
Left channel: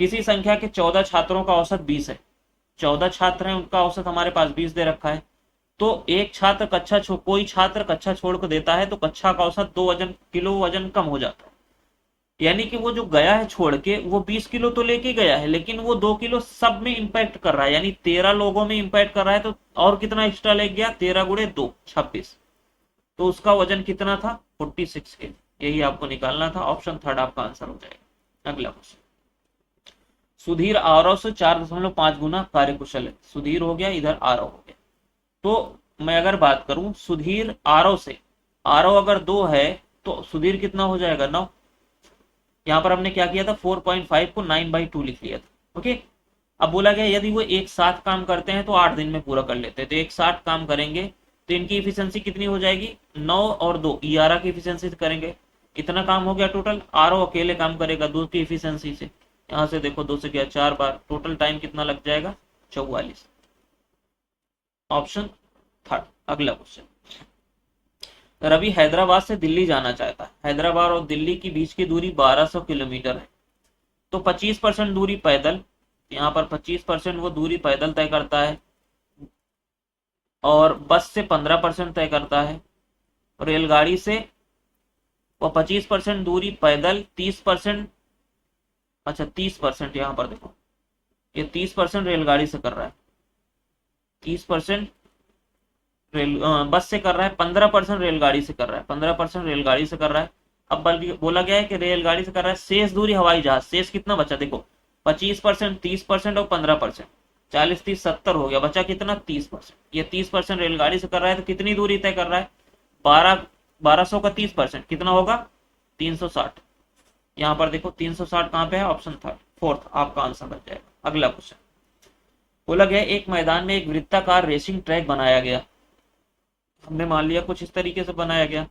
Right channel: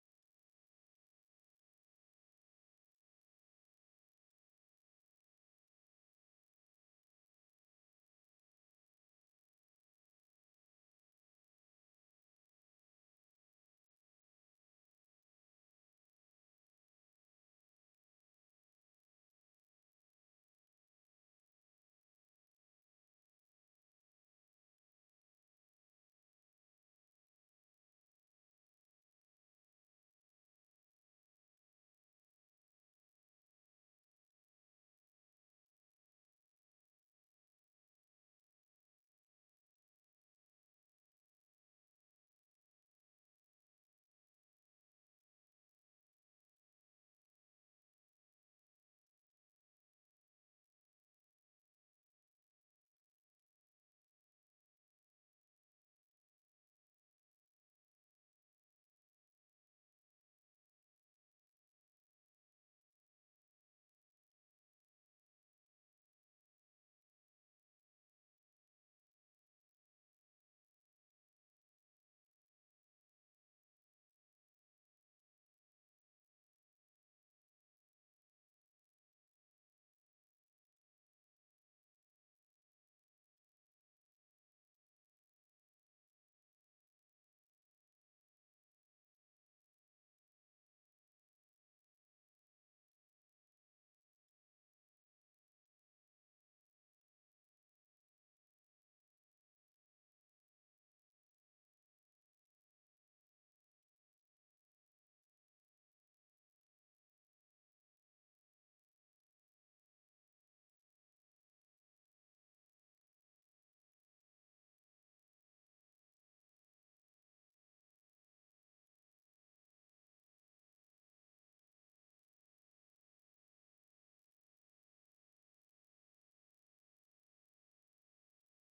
किसी संख्या के 14 छात्रों का औसत 20 है। 14 छात्र हैं, उनका औसत हमारे पास 20 दे रखा है। तो एक छात्र कोई छात्र कक्षा छोड़ कर देता है तो कक्षा का औसत 2 किलो वजन कम हो जाता है। यानी कि वो जो गया है छोड़ के, वो 20 किलो तो लेके गया है, लेकिन वो 2 किलो सब में इंपैक्ट कर रहा है, यानी 13 लोगों में इंपैक्ट कर रहा है। तो और कितना एक्स्ट्रा ले गया? 13 गुणे 2 26। तो उसका वजन कितना था? 46 के। यही आपको निकालना था। ऑप्शन थर्ड आपका आंसर हो जाएगा। अगला क्वेश्चन, सुधीर आरव से 4.5 गुना कार्यकुशल है। सुधीर हो गया, इधर आरव हो गया। तो मैं अगर बात करूं सुधीर आरव से, आरव अगर 2 है तो सुधीर कितना हो जाएगा? 9। यहाँ पर हमने क्या किया था? 4.5 को 9/2 लिख लिया था। ओके, अब बोला गया यदि वो एक साथ काम करते हैं तो 8 दिन में पूरा कर लेते हैं। तो एक साथ काम करेंगे तो इनकी इफिशियंसी कितनी हो जाएगी, 9 और 2 11 की इफिशियंसी से करेंगे। इतना काम हो गया टोटल। आर ओ अकेले काम करेगा 2 की इफिशियंसी से। यहाँ से देखो 2 से गया 4 बार, टोटल टाइम कितना लग जाएगा, 44। Option third. अगला क्वेश्चन, रवि हैदराबाद से दिल्ली जाना चाहता है। हैदराबाद और दिल्ली की बीच की दूरी 1200 किलोमीटर है। तो 25% दूरी पैदल, यहाँ पर 25% वो दूरी पैदल तय करता है, और बस से 15% तय करता है, रेलगाड़ी से वो 25% दूरी पैदल, 30%, अच्छा 30% यहाँ पर देखो, ये 30% रेलगाड़ी से कर रहा है, 30% बस से कर रहा है, 15% रेलगाड़ी से कर रहा है, 15% रेलगाड़ी से कर रहा है। अब बल्कि बोला गया है कि रेलगाड़ी से कर रहा है, शेष दूरी हवाई जहाज। शेष कितना बचा देखो, 25%, 30% और 15%, 40 30 70 हो गया, बचा कितना 30%। ये 30% रेलगाड़ी से कर रहा है, तो कितनी दूरी तय कर रहा है, 1200 का 30% कितना होगा, 360। यहाँ पर देखो 360 कहाँ पे है, ऑप्शन थर्ड, फोर्थ आपका आंसर बन जाएगा। अगला क्वेश्चन, बोला गया एक मैदान में एक वृत्ताकार रेसिंग ट्रैक बनाया गया। हमने मान लिया कुछ इस तरीके से बनाया गया।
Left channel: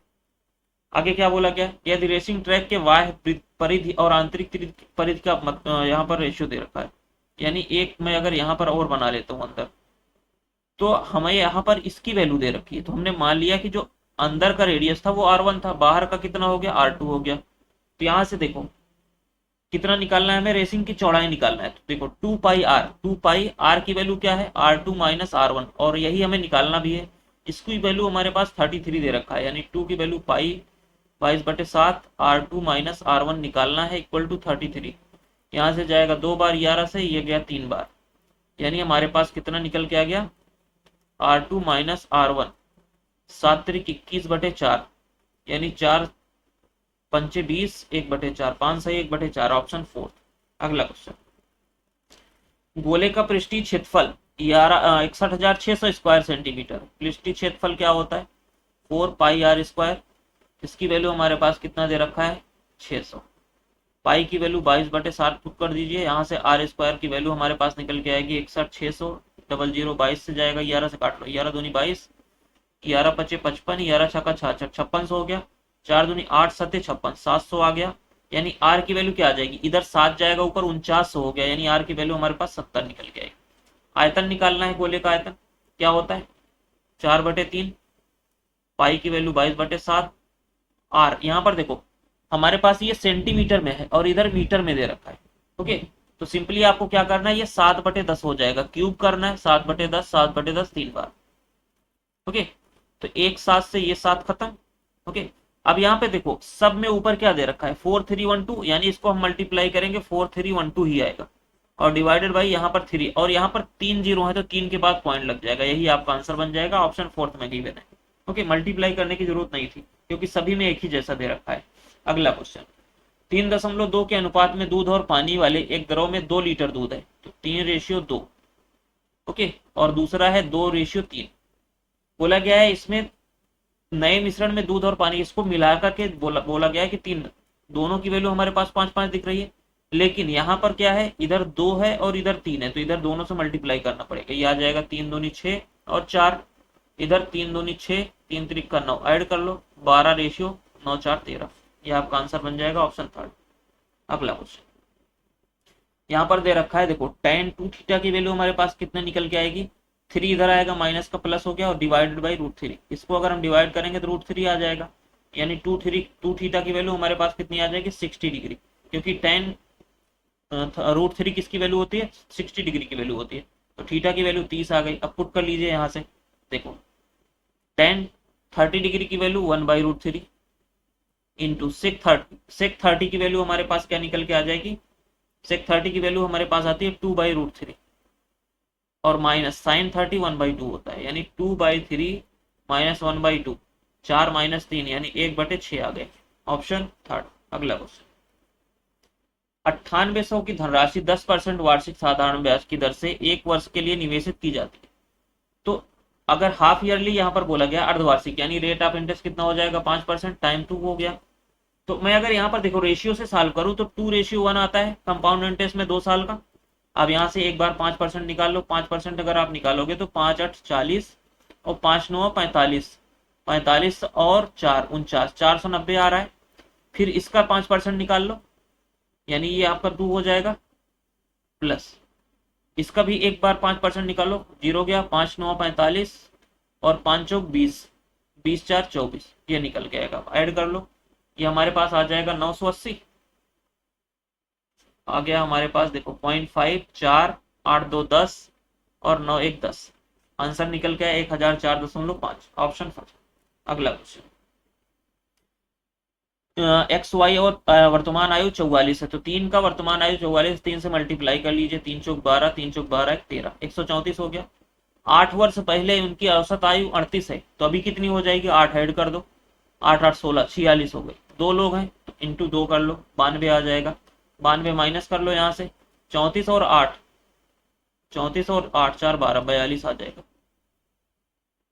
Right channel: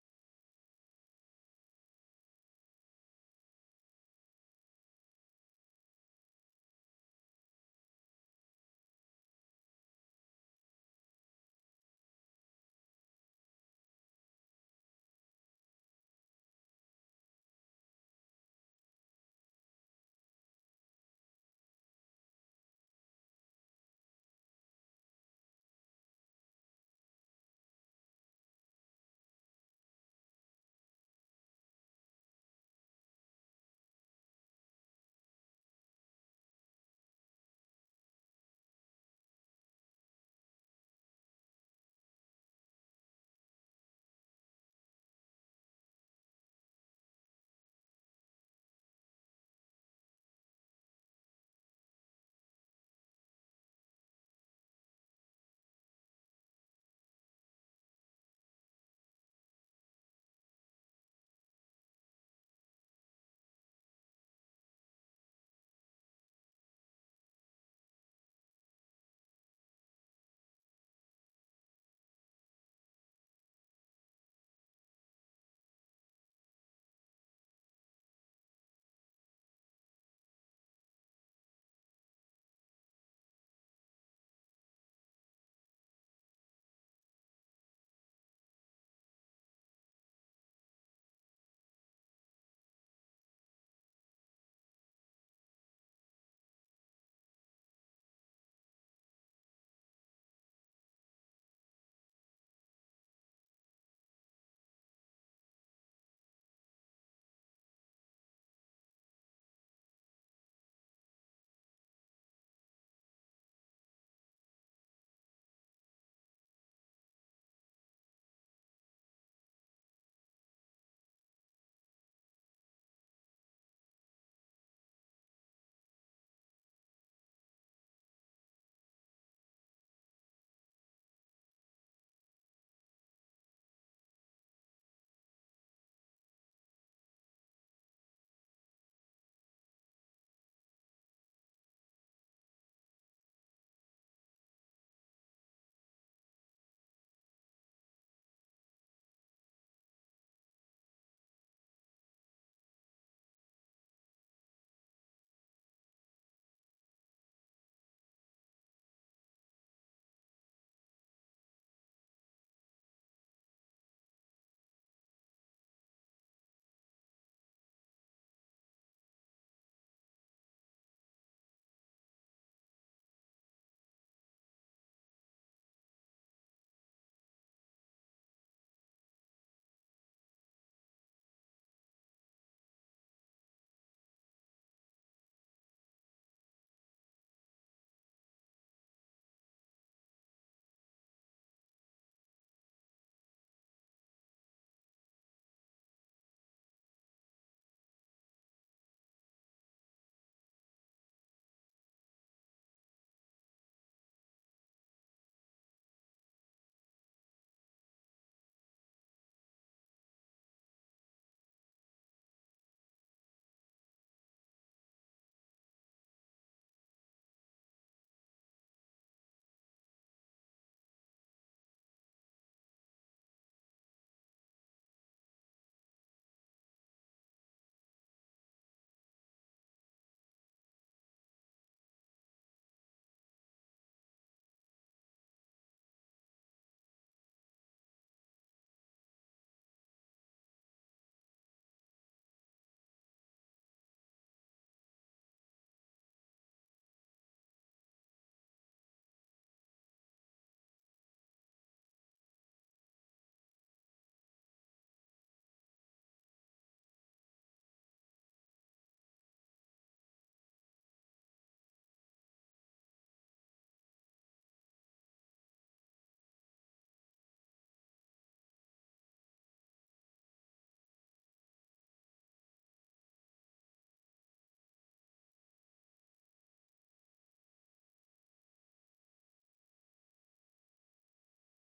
आगे क्या बोला गया, यदि रेसिंग ट्रैक के बाह्य परिधि और आंतरिक परिधि का यहाँ पर रेशियो दे रखा है, यानी एक मैं अगर यहाँ पर और बना लेता हूँ अंदर, तो हमें यहाँ पर इसकी वैल्यू दे रखी है। तो हमने मान लिया कि जो अंदर का रेडियस था वो R1 था, बाहर का कितना हो गया, R2 हो गया। तो यहाँ से देखो कितना निकालना है हमें, रेसिंग की चौड़ाई निकालना है। तो देखो 2 पाई आर, 2 पाई आर की वैल्यू क्या है, R2 माइनस R1, और यही हमें निकालना भी है। इसकी वैल्यू हमारे पास 33 दे रखा है, यानी 2 की value pi 22/7, R2 minus R1 निकालना है, इक्वल टू 33। यहाँ से जाएगा 2 बार 11 से, ये गया 3 बार, यानी हमारे पास कितना निकल के आ गया, R2 माइनस R1, 7 त्रिक 21/4, यानी 4 पंचे 20, 1/4, 5 सही 1/4, ऑप्शन फोर्थ। अगला क्वेश्चन, गोले का पृष्ठीय क्षेत्रफल 61,600 स्क्वायर सेंटीमीटर। पृष्ठीय क्षेत्रफल क्या होता है, 4 पाई r स्क्वायर। इसकी वैल्यू हमारे पास कितना दे रखा है, 600। पाई की वैल्यू 22/7 पुट कर दीजिए, यहाँ से आर स्क्वायर की वैल्यू हमारे पास निकल के आएगी 61,600, 00 22 से जाएगा, 11 से काट लो, 11 दूनी 22, 11 पचे 55, 11 छक्का 66, 5600 हो गया, 4 दूनी 8 सत्ते 56, 700 आ गया। यानी आर की वैल्यू क्या आ जाएगी, इधर 7 जाएगा ऊपर, 4900 हो गया, यानी आर की वैल्यू हमारे पास 70 निकल के आएगी। आयतन निकालना है, गोले का आयतन क्या होता है, 4/3, पाई की वैल्यू 22/7, आर यहाँ पर देखो हमारे पास ये सेंटीमीटर में है और इधर मीटर में दे रखा है। ओके, तो सिंपली आपको क्या करना है, ये 7/10 हो जाएगा, क्यूब करना है, 7/10, 7/10 3 बार। ओके, तो एक 7 से ये 7 खत्म। ओके, अब यहाँ पे देखो सब में ऊपर क्या दे रखा है, 4312, यानी इसको हम मल्टीप्लाई करेंगे 4312 ही आएगा, और डिवाइडेड बाई यहाँ पर 3, और यहाँ पर 3 जीरो है तो 3 के बाद पॉइंट लग जाएगा, यही आपका आंसर बन जाएगा, ऑप्शन फोर्थ में गिवन है। ओके, मल्टीप्लाई करने की जरूरत नहीं थी क्योंकि सभी में एक ही जैसा दे रखा है। अगला क्वेश्चन, 3.2 के अनुपात में दूध और पानी वाले एक द्रव में 2 लीटर दूध है, तो 3:2। ओके, और दूसरा है 2:3। बोला गया है इसमें नए मिश्रण में दूध और पानी, इसको मिला करके बोला गया है कि 3, दोनों की वैल्यू हमारे पास 5-5 दिख रही है, लेकिन यहाँ पर क्या है, इधर 2 है और इधर 3 है, तो इधर दोनों से मल्टीप्लाई करना पड़ेगा। ये आ जाएगा 3 दूनी 6 और 4, इधर 3 दूनी 6, 3 त्रिक का 9, ऐड कर लो, 12:9 4 13। ये आपका आंसर बन जाएगा, ऑप्शन थर्ड। अगला क्वेश्चन, यहाँ पर दे रखा है देखो tan 2 थीटा की वैल्यू हमारे पास कितने निकल के आएगी, 3 इधर आएगा, माइनस का प्लस हो गया, और डिवाइडेड बाई √3। इसको अगर हम डिवाइड करेंगे तो √3 आ जाएगा, यानी 2 थीटा की वैल्यू हमारे पास कितनी आ जाएगी, 60 डिग्री, क्योंकि tan √3 किसकी वैल्यू होती है, 60 डिग्री की वैल्यू होती है, तो थीटा की वैल्यू 30 आ गई। अब पुट कर लीजिए यहाँ से, देखो tan 30 डिग्री की वैल्यू 1/√3 इंटू सेक 30 की वैल्यू हमारे पास क्या निकल के आ जाएगी, सेक 30 की वैल्यू हमारे पास आती है 2/√3, और माइनस साइन 30 1/2 होता है, यानी 2/3 माइनस 1/2, 4 माइनस 3, यानी 1/6 आ गए, ऑप्शन थर्ड। अगला क्वेश्चन, 9800 की धनराशि 10% वार्षिक साधारण ब्याज की दर से 1 वर्ष के लिए निवेशित की जाती है। तो अगर हाफ ईयरली यहाँ पर बोला गया अर्धवार्षिक, यानी रेट ऑफ इंटरेस्ट कितना हो जाएगा, 5%, टाइम 2 हो गया। तो मैं अगर यहाँ पर देखो रेशियो से सॉल्व करूँ तो 2:1 आता है कंपाउंड इंटरेस्ट में 2 साल का। अब यहाँ से एक बार 5% निकाल लो, 5% अगर आप निकालोगे तो 5 8 40, और 5 9 45, 45 और 4 49, 490 आ रहा है। फिर इसका 5% निकाल लो, यानी ये आपका 2 हो जाएगा, प्लस इसका भी एक बार 5% निकालो, 0 गया, 5 9 45 और 5 चौक 20, 20 4 24, ये निकल के आएगा। ऐड कर लो, ये हमारे पास आ जाएगा 980। आ गया हमारे पास, देखो 0.5 4 8 2 10 और 9 1 10, आंसर निकल के 1004.5, ऑप्शन फर्स्ट। अगला क्वेश्चन, एक्स वाई और वर्तमान आयु 44 है, तो 3 का वर्तमान आयु 44, 3 से मल्टीप्लाई कर लीजिए, 3 चौक 12, 3 चौक 12 13, 134 हो गया। 8 वर्ष पहले उनकी औसत आयु 38 है, तो अभी कितनी हो जाएगी, 8 ऐड कर दो, 8 8 16, 46 हो गई। 2 लोग हैं तो इंटू 2 कर लो, 92 आ जाएगा। 92 माइनस कर लो यहाँ से, 34 और 8, 34 और 8 4 12, 42 आ जाएगा।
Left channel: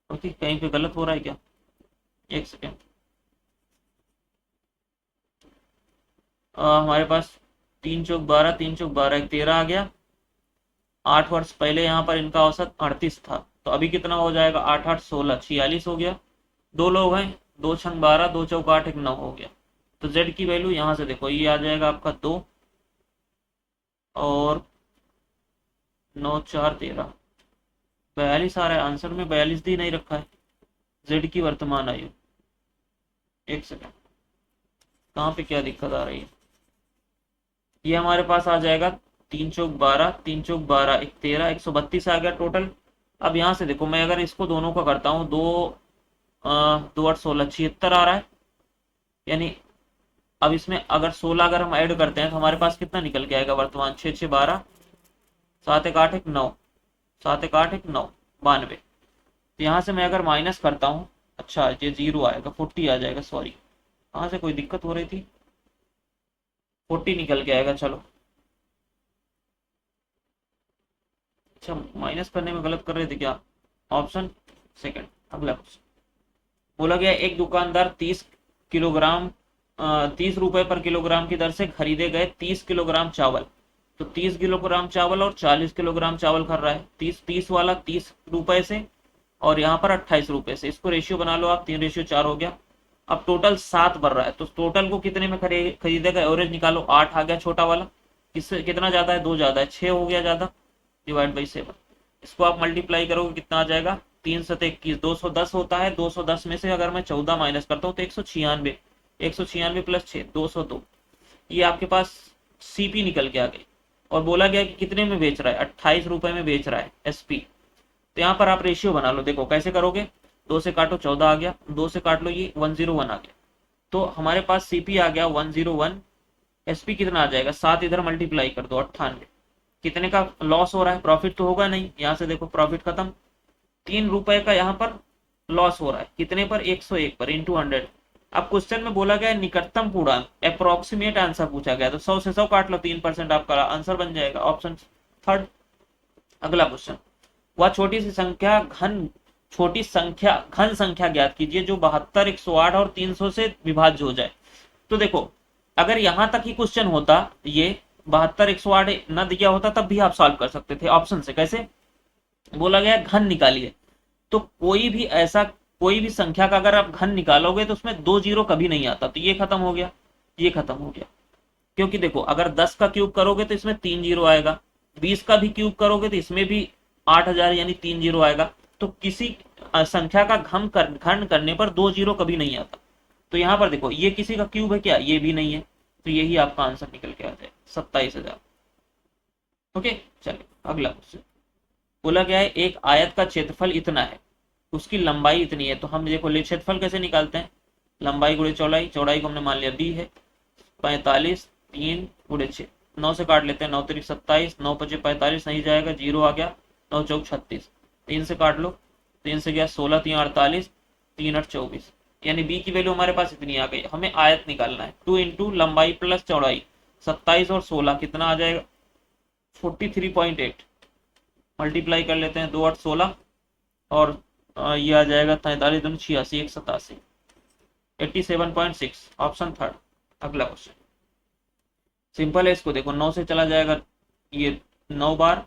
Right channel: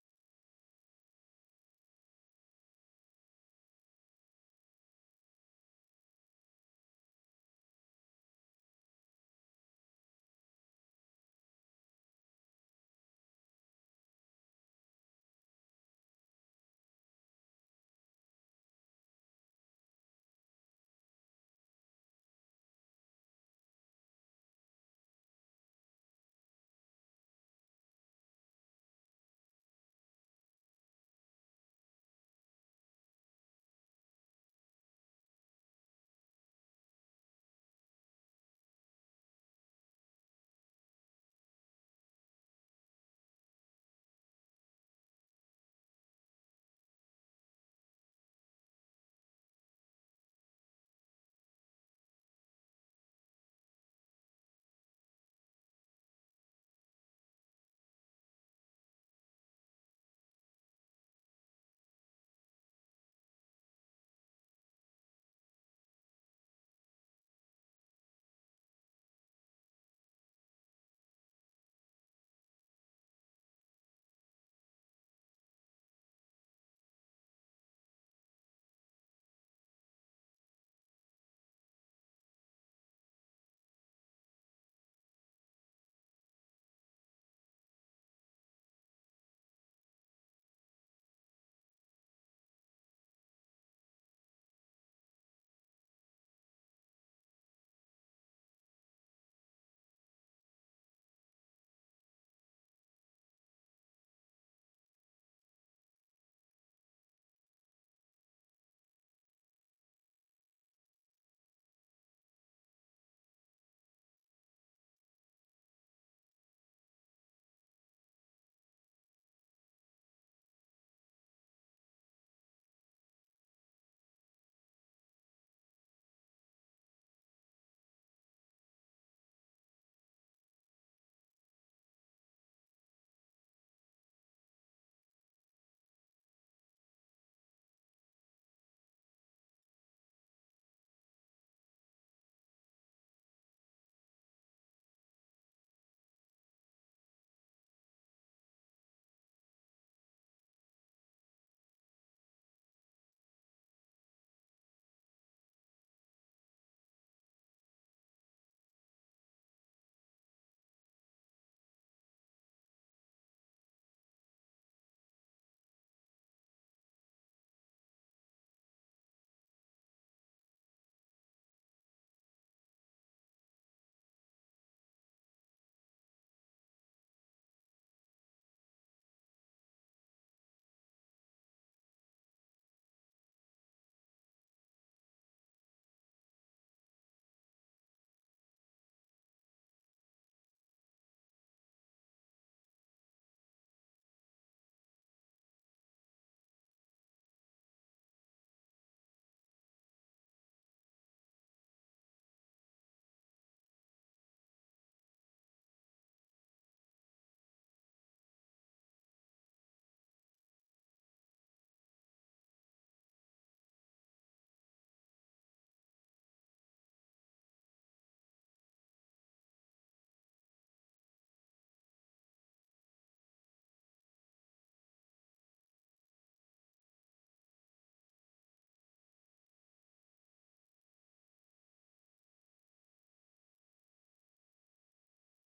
ओके, कहीं पे गलत हो रहा है क्या, एक सेकेंड। हमारे पास 3 चौक 12, 3 चौक 12 13 आ गया। 8 वर्ष पहले यहाँ पर इनका औसत 38 था, तो अभी कितना हो जाएगा, 8 8 16, 46 हो गया। 2 लोग हैं, 2 छंग 12, 2 चौक 8 1 9 हो गया। तो जेड की वैल्यू यहाँ से देखो, ये आ जाएगा आपका 2 और 9 4 13, 42 आ रहा है आंसर में, 42 दी नहीं रखा है। जेड की वर्तमान आयु, एक सेकेंड, कहाँ पे क्या दिक्कत आ रही है। ये हमारे पास आ जाएगा 3 चौक 12, 3 चौक 12 1 13, 132 आ गया टोटल। अब यहाँ से देखो, मैं अगर इसको दोनों का करता हूँ, 2 8 16, 76 आ रहा है, यानी अब इसमें अगर 16 अगर हम ऐड करते हैं तो हमारे पास कितना निकल के आएगा, वर्तमान 6 6 12, 7 1 8 1 9, 7 1 8 1 9, 92। तो यहाँ से मैं अगर माइनस करता हूँ, अच्छा ये 0 आएगा, 40 आ जाएगा, सॉरी कहाँ से कोई दिक्कत हो रही थी, 40 निकल के आएगा। चलो, अच्छा माइनस करने में गलत कर रहे थे क्या, ऑप्शन सेकंड। अगला क्वेश्चन, बोला गया एक दुकानदार 30 किलोग्राम 30 रुपए पर किलोग्राम की दर से खरीदे गए 30 किलोग्राम चावल, तो 30 किलोग्राम चावल और 40 किलोग्राम चावल खरीद रहा है, 30 वाला 30 रुपए से और यहाँ पर 28 रुपए से, इसको रेशियो बना लो आप, 3:4 हो गया। अब टोटल 7 बढ़ रहा है, तो टोटल को कितने में खरीदेगा, एवरेज निकालो, 8 आ गया छोटा वाला, किससे कितना ज्यादा है, 2 ज्यादा है, 6 हो गया ज्यादा, डिवाइड बाई 7। इसको आप मल्टीप्लाई करोगे कितना आ जाएगा, 3 7 21, 210 होता है, 210 में से अगर मैं 14 माइनस करता हूँ तो 196, 196 प्लस 6 202, ये आपके पास सीपी निकल के आ गई। और बोला गया कि कितने में बेच रहा है, 28 रुपए में बेच रहा है एसपी। तो यहाँ पर आप रेशियो बना लो, देखो कैसे करोगे, 2 से काटो 14 आ गया, 2 से काट लो ये 101 आ गया, तो हमारे पास सीपी आ गया 101, एसपी कितना आ जाएगा, 7 इधर मल्टीप्लाई कर दो, 98। कितने का लॉस हो रहा है, प्रॉफिट तो होगा नहीं, यहाँ से देखो प्रॉफिट खत्म, 3 रुपए का यहाँ पर लॉस हो रहा है, कितने पर, 101 पर, इंटू 100। अब क्वेश्चन में बोला गया निकटतम पूर्णांक, अप्रोक्सीमेट आंसर पूछा गया, तो 100 से 100 काट लो, 3% आपका आंसर बन जाएगा, ऑप्शन थर्ड। अगला क्वेश्चन, वह छोटी संख्या घन संख्या ज्ञात कीजिए जो 72 108 और 300 से विभाज्य हो जाए। तो देखो, अगर यहां तक ही क्वेश्चन होता, ये 72 108 न दिया होता तब भी आप सॉल्व कर सकते थे ऑप्शन से। कैसे, बोला गया घन निकालिए, तो कोई भी संख्या का अगर आप घन निकालोगे तो उसमें 2 जीरो कभी नहीं आता, तो ये खत्म हो गया, ये खत्म हो गया। क्योंकि देखो, अगर 10 का क्यूब करोगे तो इसमें 3 जीरो आएगा, 20 का भी क्यूब करोगे तो इसमें भी 8000 यानी 3 जीरो आएगा। तो किसी संख्या का घन करने पर 2 जीरो कभी नहीं आता। तो यहाँ पर देखो, ये किसी का क्यूब है क्या, ये भी नहीं है, तो यही आपका आंसर निकल के आता है, 27,000। ओके, चलिए अगला क्वेश्चन, बोला गया है एक आयत का क्षेत्रफल इतना है, उसकी लंबाई इतनी है, तो हम देखो क्षेत्रफल कैसे निकालते हैं, लंबाई गुणे चौड़ाई, चौड़ाई को हमने मान लिया डी है, 45, 3 गुणे 6, 9 से काट लेते हैं, 9 3 27, 9 5 45 नहीं जाएगा, 0 आ गया, 9 चौक 36, 3 से काट लो, 3 से गया 16 3 48, 3 8 24, यानी बी की वैल्यू हमारे पास इतनी आ गई। हमें आयत निकालना है, 2 इंटू लंबाई प्लस चौड़ाई, 27 और 16 कितना आ जाएगा, 43.8, मल्टीप्लाई कर लेते हैं, 2 8 16 और ये आ जाएगा 43 दूनी 86, 1 87, 87.6, ऑप्शन थर्ड। अगला क्वेश्चन सिंपल है, इसको देखो 9 से चला जाएगा ये 9 बार,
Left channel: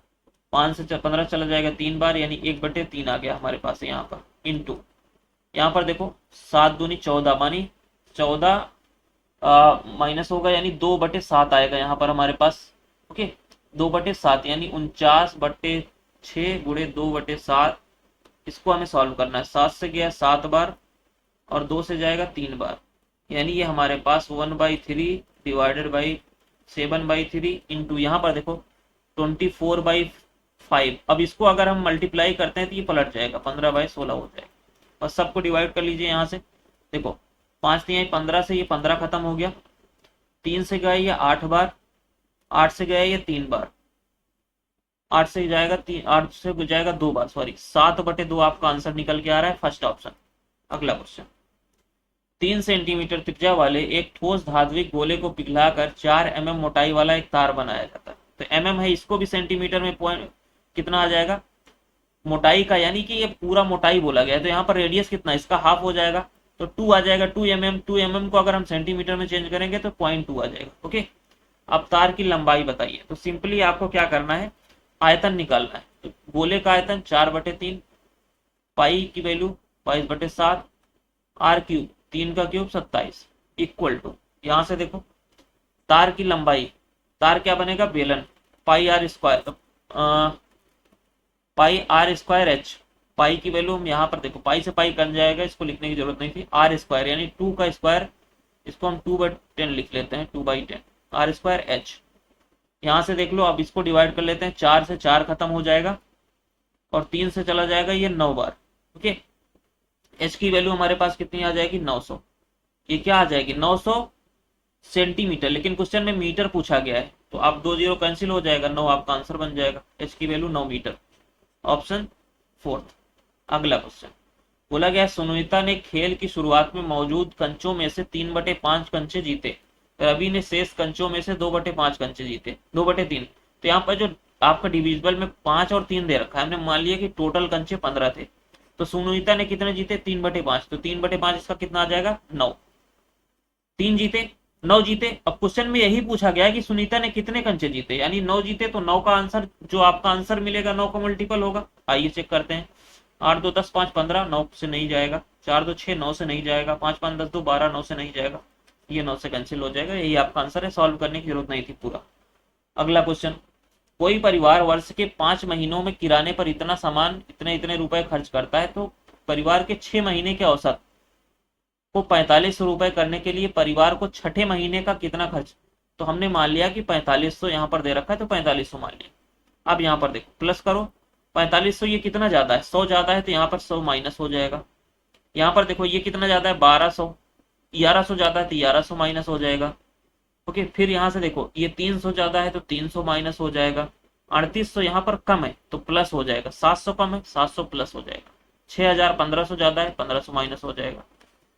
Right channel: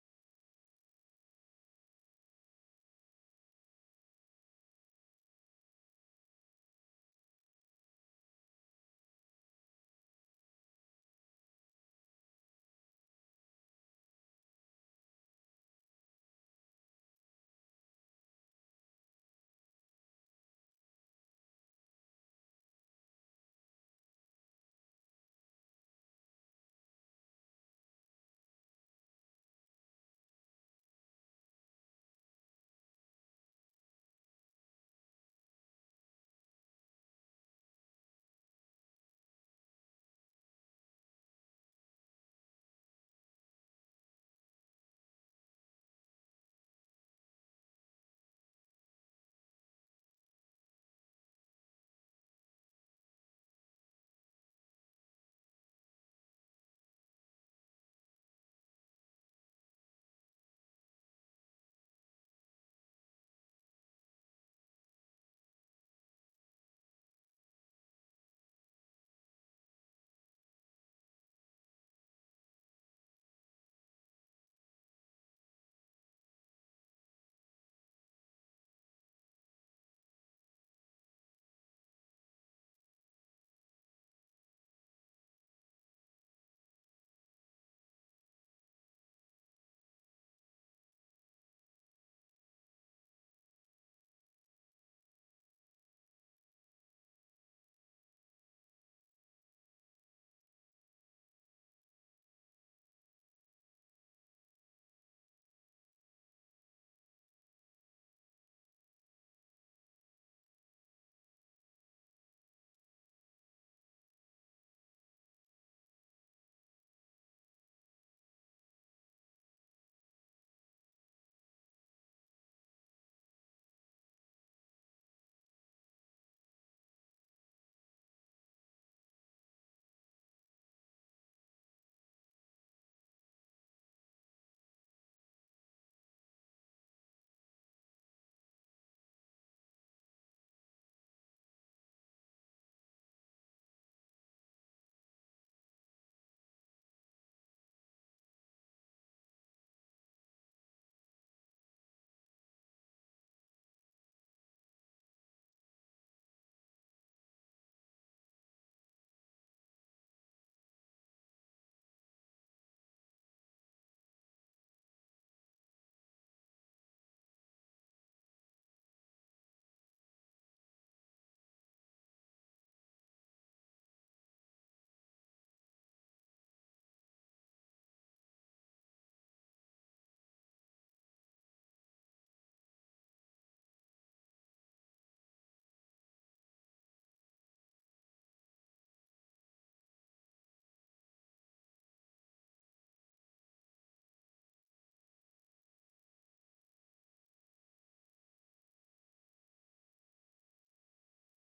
5 से 15 चला जाएगा 3 बार, यानी 1/3 आ गया हमारे पास यहाँ पर। इंटू यहाँ पर देखो 7 दूनी 14 मानी 14 माइनस होगा यानी 2/7 आएगा यहाँ पर हमारे पास। ओके 2/7 यानी 49/6 × 2/7। इसको हमें सॉल्व करना है। 7 से गया 7 बार और 2 से जाएगा 3 बार, यानी ये हमारे पास 1/3 डिवाइडेड बाई 7/3 इंटू यहाँ पर देखो 24/5। अब इसको अगर हम मल्टीप्लाई करते हैं तो ये पलट जाएगा 15/16 हो जाएगा। बस सबको डिवाइड कर लीजिए यहाँ से। देखो 5 नहीं आई 15 से, ये 15 खत्म हो गया। 3 से गया ये 8 बार, 8 से गया ये 3 बार, 8 से जाएगा 8 से जाएगा 2 बार, सॉरी 7/2 आपका आंसर निकल के आ रहा है फर्स्ट ऑप्शन। अगला क्वेश्चन 3 सेंटीमीटर त्रिज्या वाले एक ठोस धात्विक गोले को पिघलाकर 4 mm मोटाई वाला एक तार बनाया जाता है। तो mm है, इसको भी सेंटीमीटर में पॉइंट कितना आ जाएगा मोटाई का, यानी कि ये पूरा मोटाई बोला गया है। तो यहाँ पर रेडियस कितना, इसका हाफ हो जाएगा तो 2 आ जाएगा। 2 mm, 2 mm को अगर हम सेंटीमीटर में चेंज करेंगे तो 0.2 आ जाएगा। ओके अब तार की लंबाई बताइए। तो सिंपली आपको क्या करना है, आयतन निकालना है। तो गोले का आयतन 4/3, पाई की वैल्यू 22/7, आर क्यूब 3 का क्यूब 27 इक्वल टू, यहाँ से देखो तार की लंबाई, तार क्या बनेगा बेलन, पाई आर स्क्वायर एच। पाई की वैल्यू हम यहाँ पर देखो पाई से पाई कट जाएगा, इसको लिखने की जरूरत नहीं थी। आर स्क्वायर यानी 2 का स्क्वायर, इसको हम 2/10 लिख लेते हैं, 2/10 आर स्क्वायर एच। यहाँ से देख लो, अब इसको डिवाइड कर लेते हैं। 4 से 4 खत्म हो जाएगा और 3 से चला जाएगा ये 9 बार। ओके एच की वैल्यू हमारे पास कितनी आ जाएगी 900। ये क्या आ जाएगी 900 सेंटीमीटर, लेकिन क्वेश्चन में मीटर पूछा गया है तो आप 2 0 कैंसिल हो जाएगा, 9 आपका आंसर बन जाएगा। एच की वैल्यू 9 मीटर, ऑप्शन 4। अगला क्वेश्चन बोला गया सुनीता ने खेल की शुरुआत में मौजूद कंचों में से 3/5 कंचे जीते, रवि ने शेष कंचों में से 2/5 कंचे जीते, 2/3। तो यहाँ पर जो आपका डिविजिबल में 5 और 3 दे रखा है, हमने मान लिया कि टोटल कंचे 15 थे। तो सुनीता ने कितने जीते 3/5, तो 3/5 इसका कितना आ जाएगा 9। 3 जीते 9 जीते। अब क्वेश्चन में यही पूछा गया है कि सुनीता ने कितने कंचे जीते, यानी 9 जीते, तो 9 का आंसर जो आपका आंसर मिलेगा 9 का मल्टीपल होगा। आइए चेक करते हैं। 8 2 10 5 15, 9 से नहीं जाएगा। 4 2 6 9 से नहीं जाएगा। 5 5 10 2 12, 9 से नहीं जाएगा। ये 9 से कैंसिल हो जाएगा। यही आपका आंसर है, सॉल्व करने की जरूरत नहीं थी पूरा। अगला क्वेश्चन, कोई परिवार वर्ष के 5 महीनों में किराने पर इतना सामान इतने इतने रुपए खर्च करता है, तो परिवार के 6 महीने के औसत को 4500 रुपए करने के लिए परिवार को छठे महीने का कितना खर्च। तो हमने मान लिया कि 4500 यहाँ पर दे रखा है, तो 4500 मान लिया। अब यहाँ पर देखो प्लस करो, 4500 ये कितना ज्यादा है 100 ज्यादा है, तो यहाँ पर 100 माइनस हो जाएगा। यहाँ पर देखो ये कितना ज्यादा है 1200, 1100 ज्यादा है तो 1100 माइनस हो जाएगा। ओके फिर यहाँ से देखो ये 300 ज्यादा है तो 300 माइनस हो जाएगा। 3800 यहाँ पर कम है तो प्लस हो जाएगा। 700 कम है 700 प्लस हो जाएगा। 6000 1500 ज्यादा है 1500 माइनस हो जाएगा।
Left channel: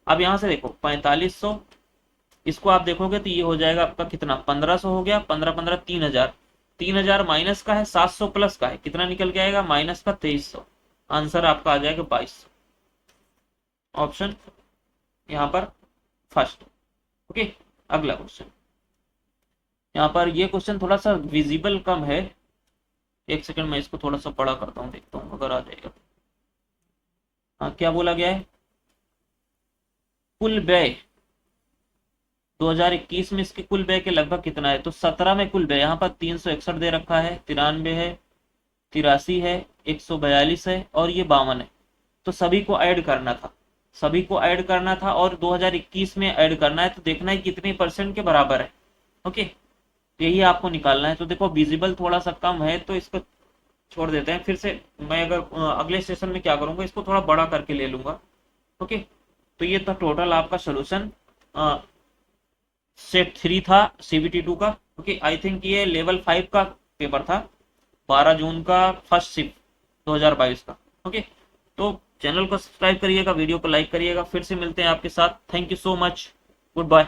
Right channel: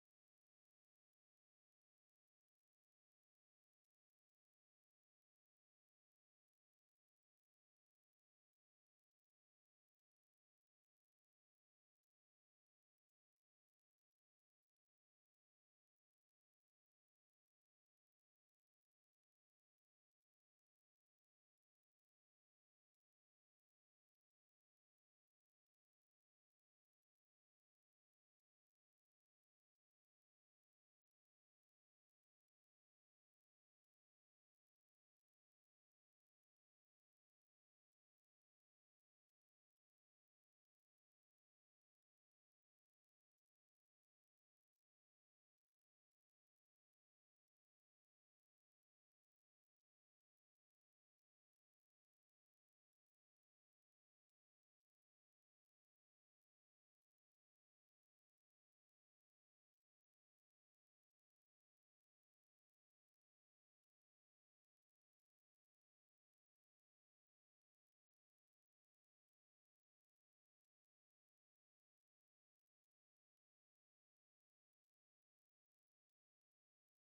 अब यहाँ से देखो 4500, इसको आप देखोगे तो ये हो जाएगा आपका कितना 1500 हो गया। 15 15 3000, 3000 माइनस का है 700 प्लस का है, कितना निकल के आएगा माइनस का 2300। आंसर आपका आ जाएगा 2200, ऑप्शन यहाँ पर फर्स्ट। ओके अगला क्वेश्चन, यहाँ पर ये क्वेश्चन थोड़ा सा विजिबल कम है। एक सेकंड मैं इसको थोड़ा सा बड़ा करता हूँ, देखता हूँ अगर आ जाएगा। हाँ क्या बोला गया है, कुल व्यय 2021 में इसके कुल व्यय के लगभग कितना है। तो 17 में कुल व्यय यहाँ पर 361 दे रखा है, 93 है, 83 है, 142 है और ये 52 है। तो सभी को ऐड करना था, सभी को ऐड करना था और 2021 में ऐड करना है, तो देखना है कितने परसेंट के बराबर है। ओके यही आपको निकालना है। तो देखो विजिबल थोड़ा सा कम है तो इसको छोड़ देते हैं। फिर से मैं अगर अगले सेशन में क्या करूंगा, इसको थोड़ा बड़ा करके ले लूंगा। ओके तो ये था टोटल आपका सोल्यूशन सेट 3 था CBT 2 का। ओके आई थिंक ये लेवल 5 का पेपर था, 12 जून का फर्स्ट शिफ्ट 2022 का। ओके तो चैनल को सब्सक्राइब करिएगा, वीडियो को लाइक करिएगा। फिर से मिलते हैं आपके साथ। Thank you so much, good bye.